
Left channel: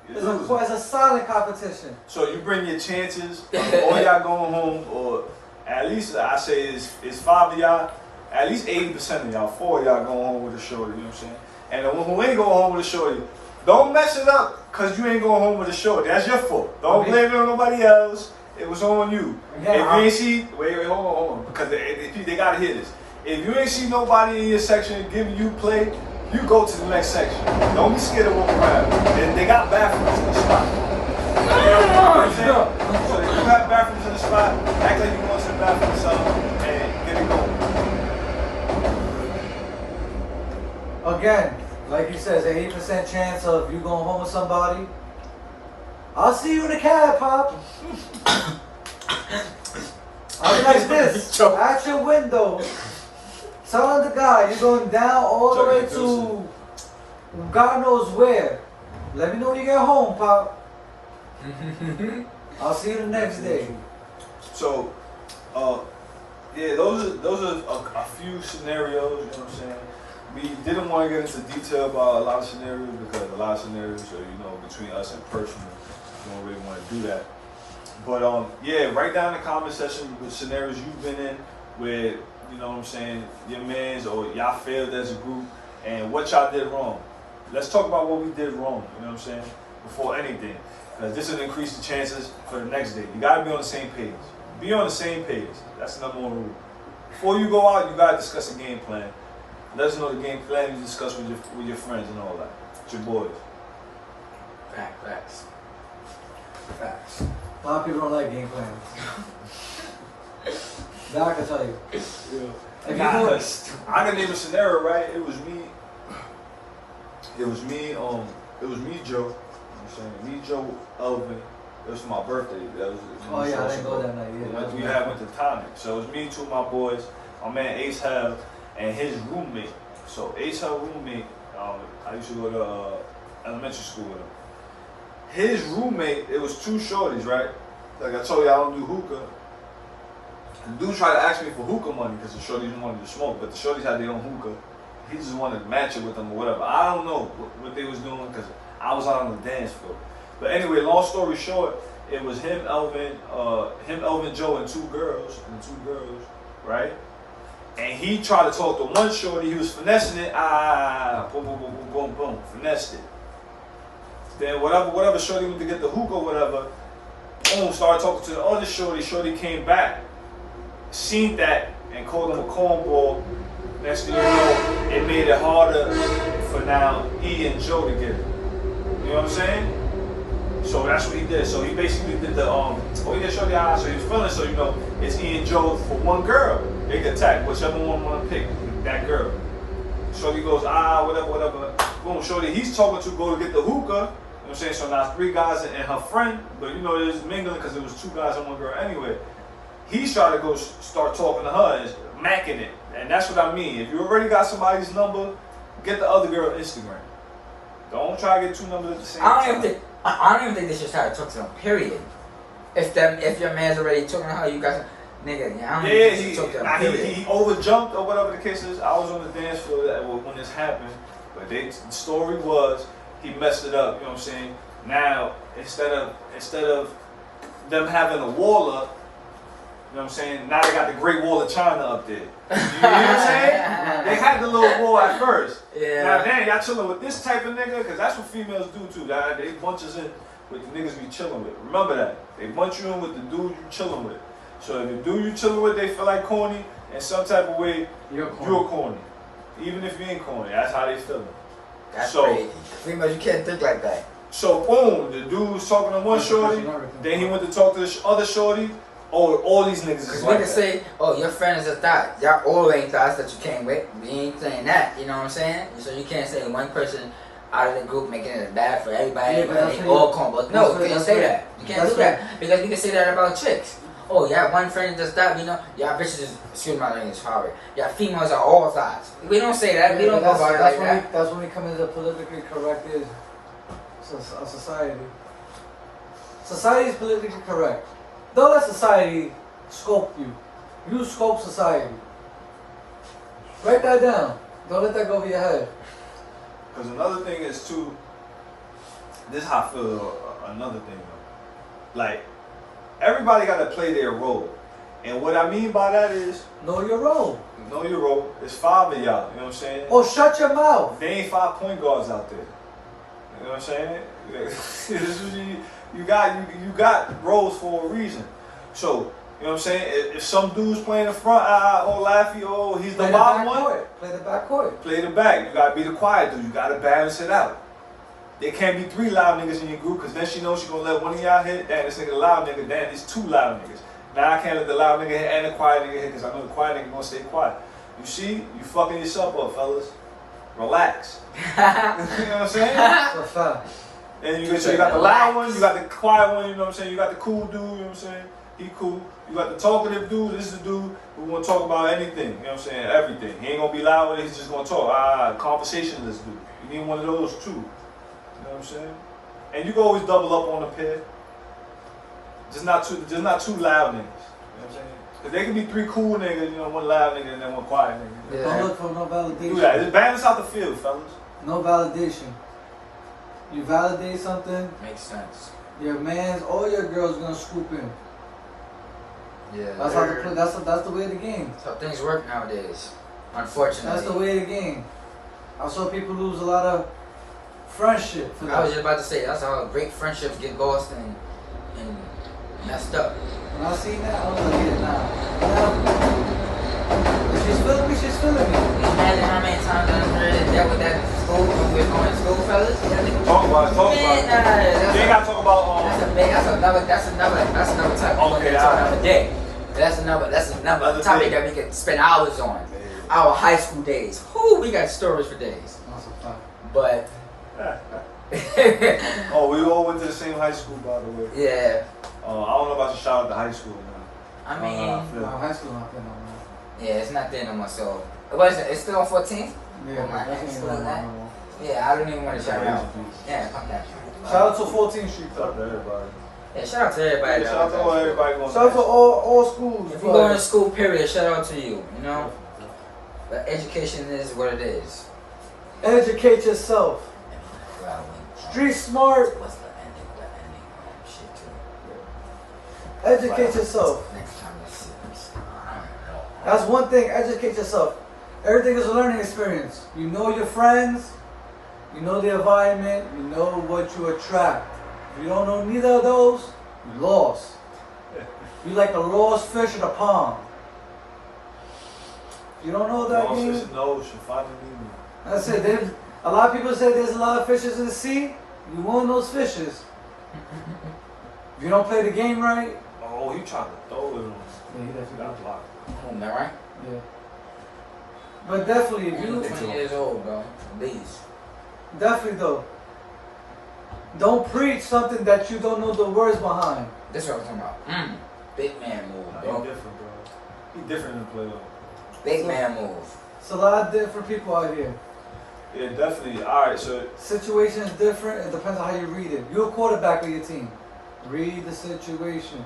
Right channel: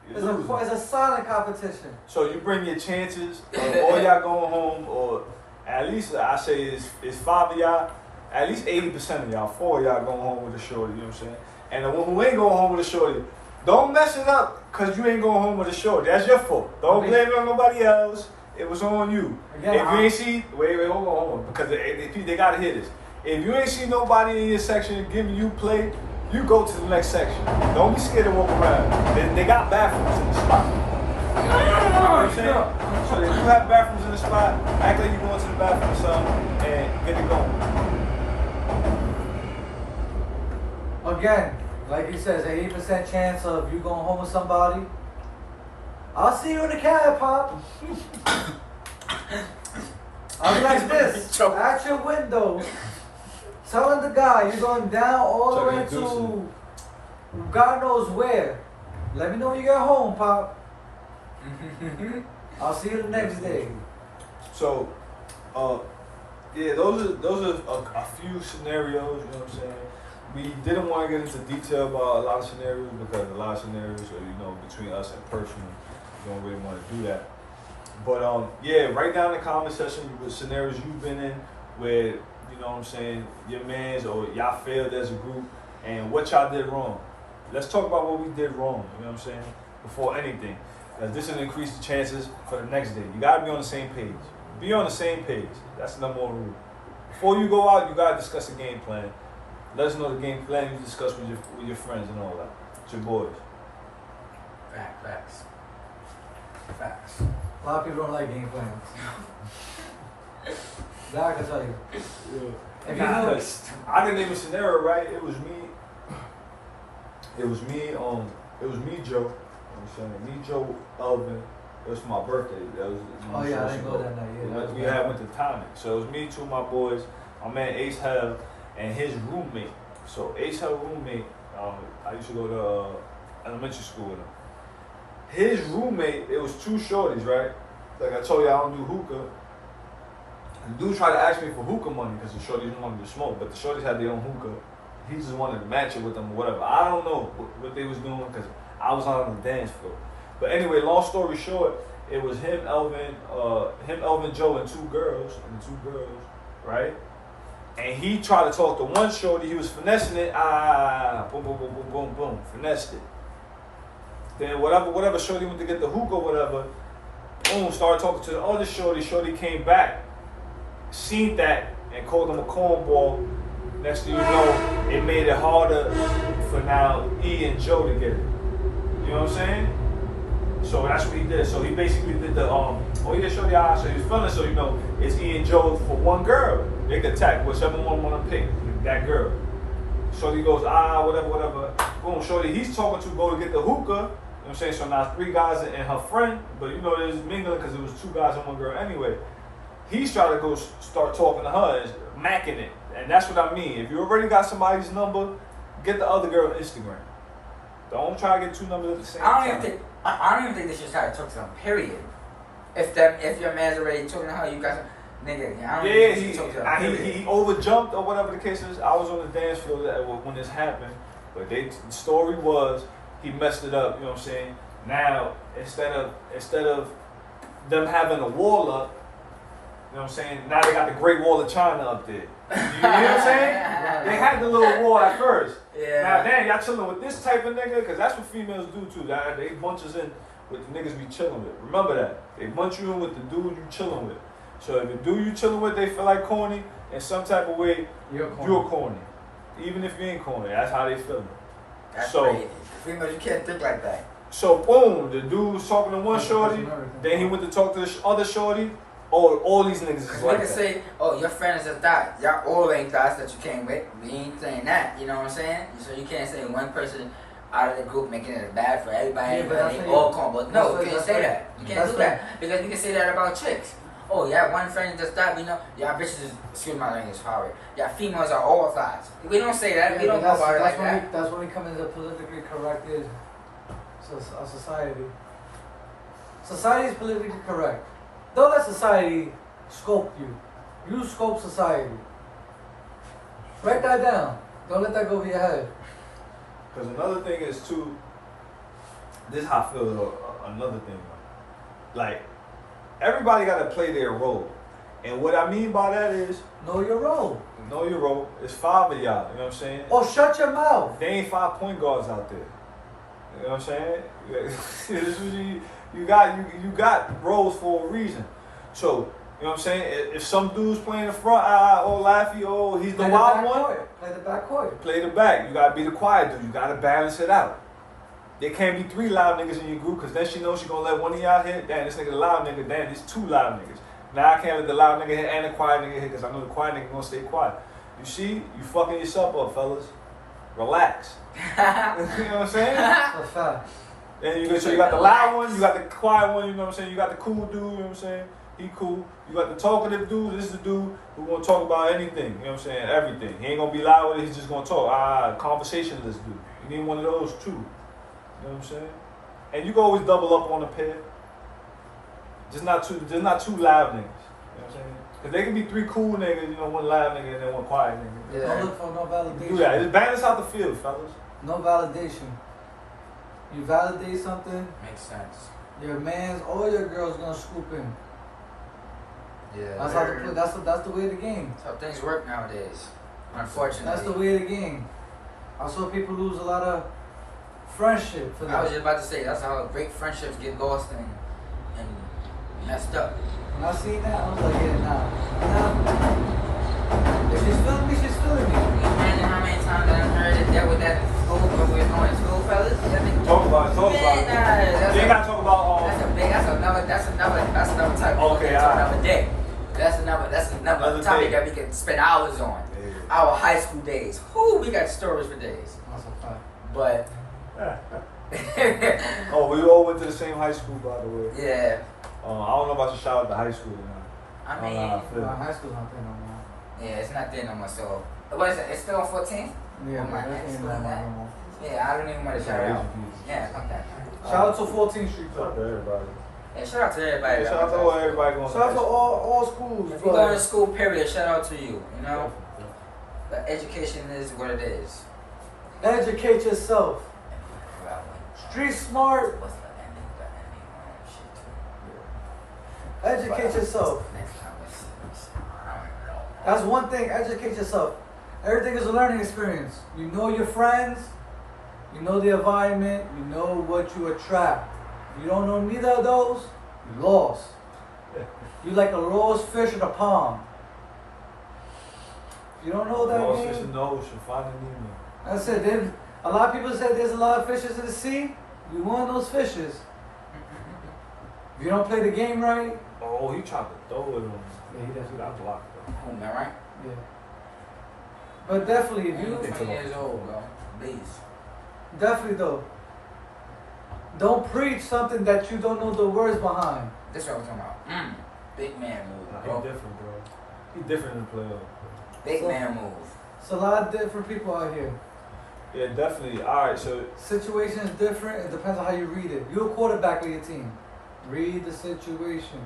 You're it's a silent competition. So you bring your chances, or y'all going home, or at least I say it's 5 of y'all, at least 80% of y'all, 4 of y'all going home with a shorty, you know what I'm saying? And the one who ain't going home with a shorty, don't mess it up because you ain't going home with a shorty. That's your fault. Don't blame it on nobody else. It was on you. Yeah, If you ain't see, wait, hold on, because they gotta hear this. If you ain't see nobody in your section giving you play, you go to the next section. Don't be scared to walk around. They got bathrooms in the spot. You know what I'm saying? So if you have bathrooms in the spot, act like you're going to the bathroom or something and get it going. Again, like you said, there's an 80% chance of you going home with somebody. I'll see you in the cab, Pop. I'll be like this, at your window, telling the guy you're going down all the way to God knows where. Let me know when you get home, Pop. I'll see you the next day. So, yeah, those are a few scenarios. You know what I'm saying? We didn't want to get into detail about a lot of scenarios because a lot of scenarios are between us and personal. We don't really want to do that. But yeah, write down in the comment section with scenarios you've been in where you know what I'm saying your man's or y'all failed as a group and what y'all did wrong. Let's talk about what we did wrong. You know what I'm saying before anything. Because this will increase the chances for the next day. You gotta be on the same page. Be on the same page. That's the number one rule. Before you go out, you gotta discuss a game plan. Let us know the game plan you discuss with your friends and all that. It's your boys. Facts. Facts. A lot of people don't like game plans. That I can tell you. If you Nah, know, 'cause I can name a scenario, right? It was me, Joe. You know what I'm saying? Me, Joe, Elvin. It was for my birthday. That was, oh yeah, I didn't go that night. We went to Tonic. So it was me, two of my boys, my man Ace Hell, and his roommate. So Ace Hell roommate, I used to go to elementary school with him. His roommate, it was two shorties, right? Like I told you, I don't do hookah. The dude tried to ask me for hookah money because the shorties didn't want me to smoke, but the shorties had their own hookah. He just wanted to match it with them or whatever. I don't know what they was doing because I was out on the dance floor. But anyway, long story short, it was him, Elvin, Joe, and two girls, right? And he tried to talk to one shorty. He was finessing it. Boom, boom, boom, boom, boom, boom, finessed it. Then whatever shorty went to get the hookah, whatever. Boom, started talking to the other shorty. Shorty came back, seen that, and called him a cornball. Next thing you know, it made it harder for now E and Joe to get it. You know what I'm saying? So that's what he did. So he basically did the yeah, shorty, so he was feeling, so you know, it's E and Joe for one girl. They could tap whichever one want to pick that girl. Shorty goes, whatever. Boom, shorty, he's talking to go to get the hookah. You know what I'm saying? So now 3 guys and her friend, but you know, there's mingling because it was 2 guys and 1 girl anyway. He's trying to go start talking to her and macking it. And that's what I mean. If you already got somebody's number, get the other girl on Instagram. Don't try to get 2 numbers at the same time. I don't even think they should try to talk to them, period. If your man's already talking to her, you got nigga, I don't think they should talk to them, period. He overjumped or whatever the case is. I was on the dance floor when this happened. But the story was he messed it up, you know what I'm saying? Now, instead of them having a wall up, you know what I'm saying? Now they got the Great Wall of China up there. You know what I'm saying? They had the little wall at first. Yeah. Now, damn, y'all chilling with this type of nigga? Because that's what females do too. They bunch us in with the niggas we chilling with. Remember that. They bunch you in with the dude you chilling with. So if the dude you chilling with, they feel like corny, in some type of way, you're corny. Even if you ain't corny, that's how they feel. That's crazy. Females, you can't think like that. So boom, the dude was talking to one shorty, then he went to talk to the other shorty. Oh, all these niggas is like that. Say, oh, your friend is a thot. Y'all all ain't thots that you came with. We ain't saying that, you know what I'm saying? So you can't say one person out of the group making it bad for everybody, but they all come. But no, you can't say that. You can't do that. Because we can say that about chicks. Oh, y'all one friend is just thot, you know? Y'all bitches, excuse my language, sorry. Y'all females are all thots. We don't say that. We don't go about it like that. That's when we come into the politically correct society. Society is politically correct. Don't let society scope you. You scope society. Write that down. Don't let that go over your head. Because another thing is too, this is how I feel another thing. Like, everybody got to play their role. And what I mean by that is, know your role. Know your role. It's 5 of y'all, you know what I'm saying? Oh, shut your mouth. They ain't 5 point guards out there. You know what I'm saying? This is you got roles for a reason. So, you know what I'm saying? If some dude's playing the front, Laffy, he's the wild one. Play the back court. Play the back. You gotta be the quiet dude. You gotta balance it out. There can't be 3 loud niggas in your group, because then she knows she gonna let one of y'all hit. Damn, this nigga the loud nigga. Damn, there's 2 loud niggas. Now I can't let the loud nigga hit and the quiet nigga hit, because I know the quiet nigga gonna stay quiet. You see? You fucking yourself up, fellas. Relax. You know what I'm saying? That's a fact. And you got the loud one, you got the quiet one, you know what I'm saying? You got the cool dude, you know what I'm saying? He cool. You got the talkative dude, this is the dude who wanna talk about anything, you know what I'm saying? Everything. He ain't gonna be loud with it, he's just gonna talk. Conversationalist dude. You need one of those too. You know what I'm saying? And you can always double up on a pair. Just not too loud niggas. You know what I'm saying? Cause they can be 3 cool niggas, you know, 1 loud nigga and then 1 quiet nigga. Yeah. Don't look for no validation. Do that. Just balance out the field, fellas. No validation. You validate something, Makes sense. your man's or your girl's gonna scoop in. Yeah. That's how that's the way of the game. That's how things work nowadays. Unfortunately. That's the way of the game. I saw people lose a lot of friendship for that. I was just about to say that's how great friendships get lost and messed up. When I seen that, I was like, yeah, nah. If she's feeling me, she's feeling me. Imagine how many times I've dealt with that in school when we were going to school, fellas. Talk about it. ain't gotta talk about That's another topic. Okay, That's alright. another day. That's another Another topic day. that we could spend hours on. Yeah. Our high school days. Whoo, we got stories for days. That's a fact. But Oh, we all went to the same high school, by the way. yeah, I don't know about your shout out to high school, man. I Oh, mean, no. High school not there no more. yeah, it's not there no more. So, what is it? It's still on 14th? Yeah, Oh, my that God. ain't that no more. Yeah, I don't even want to shout out. Yeah, okay. Shout out to 14th Street Shout out though. to everybody. Yeah, shout out to everybody. Shout out to all everybody going Shout out to all schools. If you go to school, period, shout out to you. You know, but education is what it is. Educate yourself. Street smart. What's the ending? Shit too. Educate yourself. Next time you see me. That's one thing. Educate yourself. Everything is a learning experience. You know your friends. You know the environment. You know what you attract. If you don't know neither of those, you lost. You like a lost fish in a pond. If you don't know that Lost game, fish in the ocean, finding Nemo. I said, a lot of people say there's a lot of fishes in the sea. You one of those fishes. If you don't play the game right, Oh, he tried to throw it on. yeah, he does. He got blocked. Am I right? Yeah. But definitely, if You you 20 years old, bro. Please. definitely though, don't preach something that you don't know the words behind. This is what I'm talking about. Big man move, Nah, bro. he different, bro. He different than player. Big man move. It's a lot of different people out here. Yeah, definitely. All right, so Situation is different. It depends on how you read it. You're a quarterback of your team. Read the situation.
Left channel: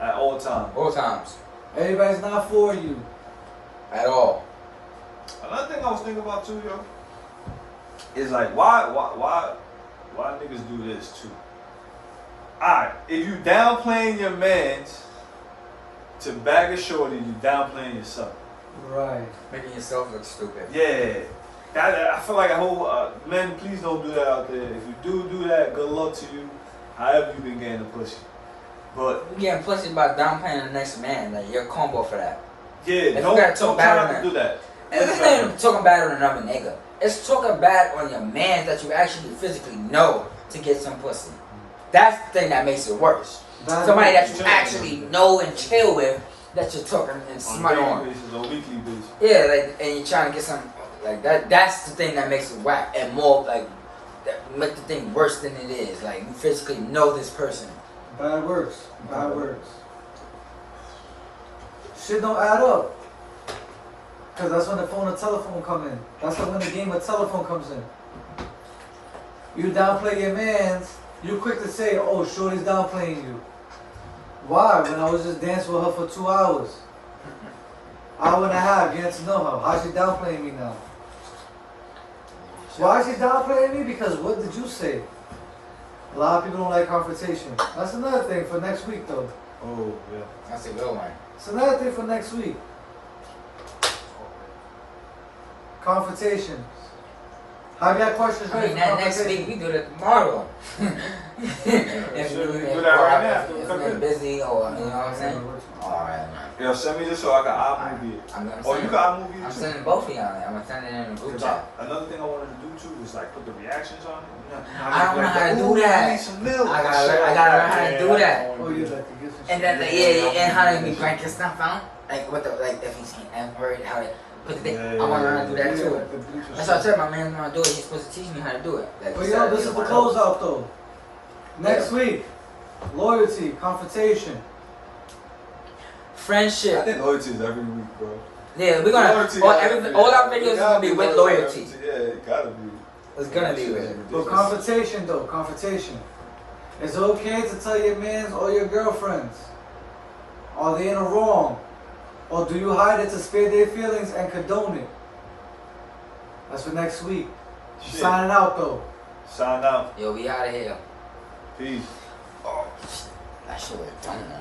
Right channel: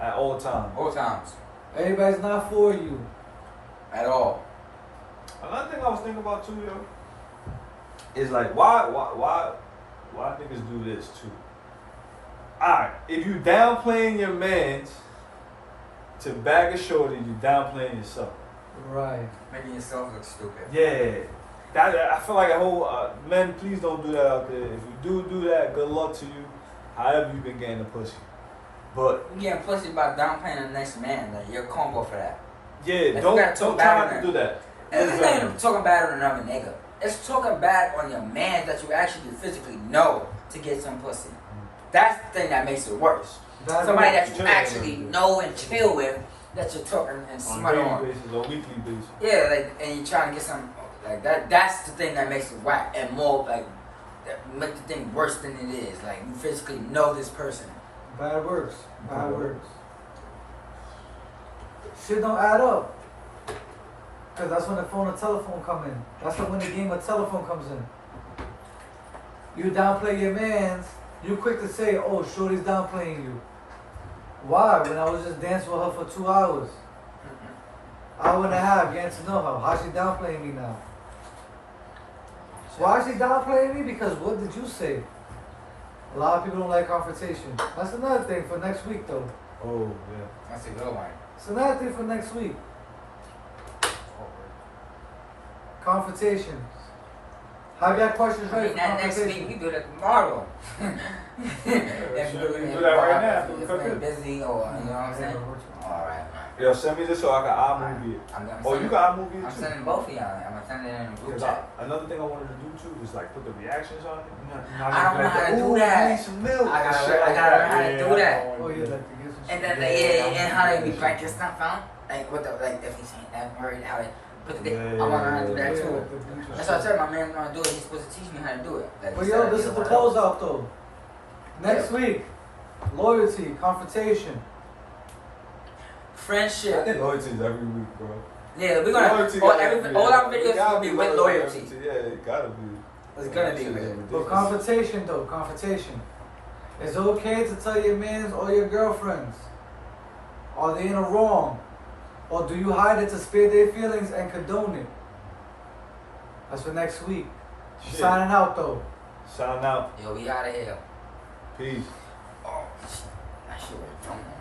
at all times. All times. Everybody's not for you. At all. Another thing I was thinking about too, yo, is like why niggas do this too? Alright, if you downplaying your mans to bag a shorty, you downplaying yourself. Right. Making yourself look stupid. Yeah. That, I feel like a whole men, please don't do that out there. If you do that, good luck to you. However you been getting the pussy. But You getting pussy by downplaying the next man. Like, you're a combo for that. yeah, If you don't gotta talk try bad not on to that. do that. And it's not even talking bad on another nigga. It's talking bad on your man that you actually physically know to get some pussy. That's the thing that makes it worse. That's Somebody what- that you actually know and chill with, that you're talking and On smut daily on. basis or weekly basis. Yeah, like, and you're trying to get some, like, that's the thing that makes it whack and more, like, that make the thing worse than it is. Like, you physically know this person. Bad words. Bad words. Shit don't add up. Cause that's when the phone and telephone come in. That's when the game of telephone comes in. You downplay your mans, you quick to say, oh, shorty's downplaying you. Why? When I was just dancing with her for 2 hours. Hour and a half, getting to know her. How's she downplaying me now? Why is she downplaying me? Because what did you say? A lot of people don't like confrontation. That's another thing for next week though. Oh yeah. That's a good one. It's another thing for next week. Confrontations. I got questions I ready mean, for that next week confrontation. we do that tomorrow. Sure, we do that right now. If we're busy or, you know what I'm saying? Alright, Yo, send me this so I can iMovie it. I'm gonna Oh, you send, got iMovie I'm it too? sending both of y'all. I'm gonna send it in a group Cause chat. another thing I wanted to do too was like put the reactions on it. I don't know how to do Ooh, that. I need some milk. I gotta learn how to do that. Oh, you like to get some And shit. then, yeah, and how they be breaking stuff out. Like, what the, like, if he's getting N-word, how they put the thing. I wanna learn how to do that Yeah, too. the bleachers. That's what I said, my man wanna do it. He's supposed to teach me how to do it. Like, But yo, this is the closeout though. Next week, loyalty, confrontation. I Friendship. think loyalty is every week, bro. Yeah, we're gonna, Loyalty all, gotta be- all our videos is gotta gonna be with loyalty. loyalty. Yeah, it gotta be. It's gonna be with it. But confrontation though, confrontation. It's okay to tell your mans or your girlfriends. Are they in a wrong? Or do you hide it to spare their feelings and condone it? That's for next week. Shit. Signing out though. Sign out. Yo, we out of here. Peace. Oh, shit. I should have done that.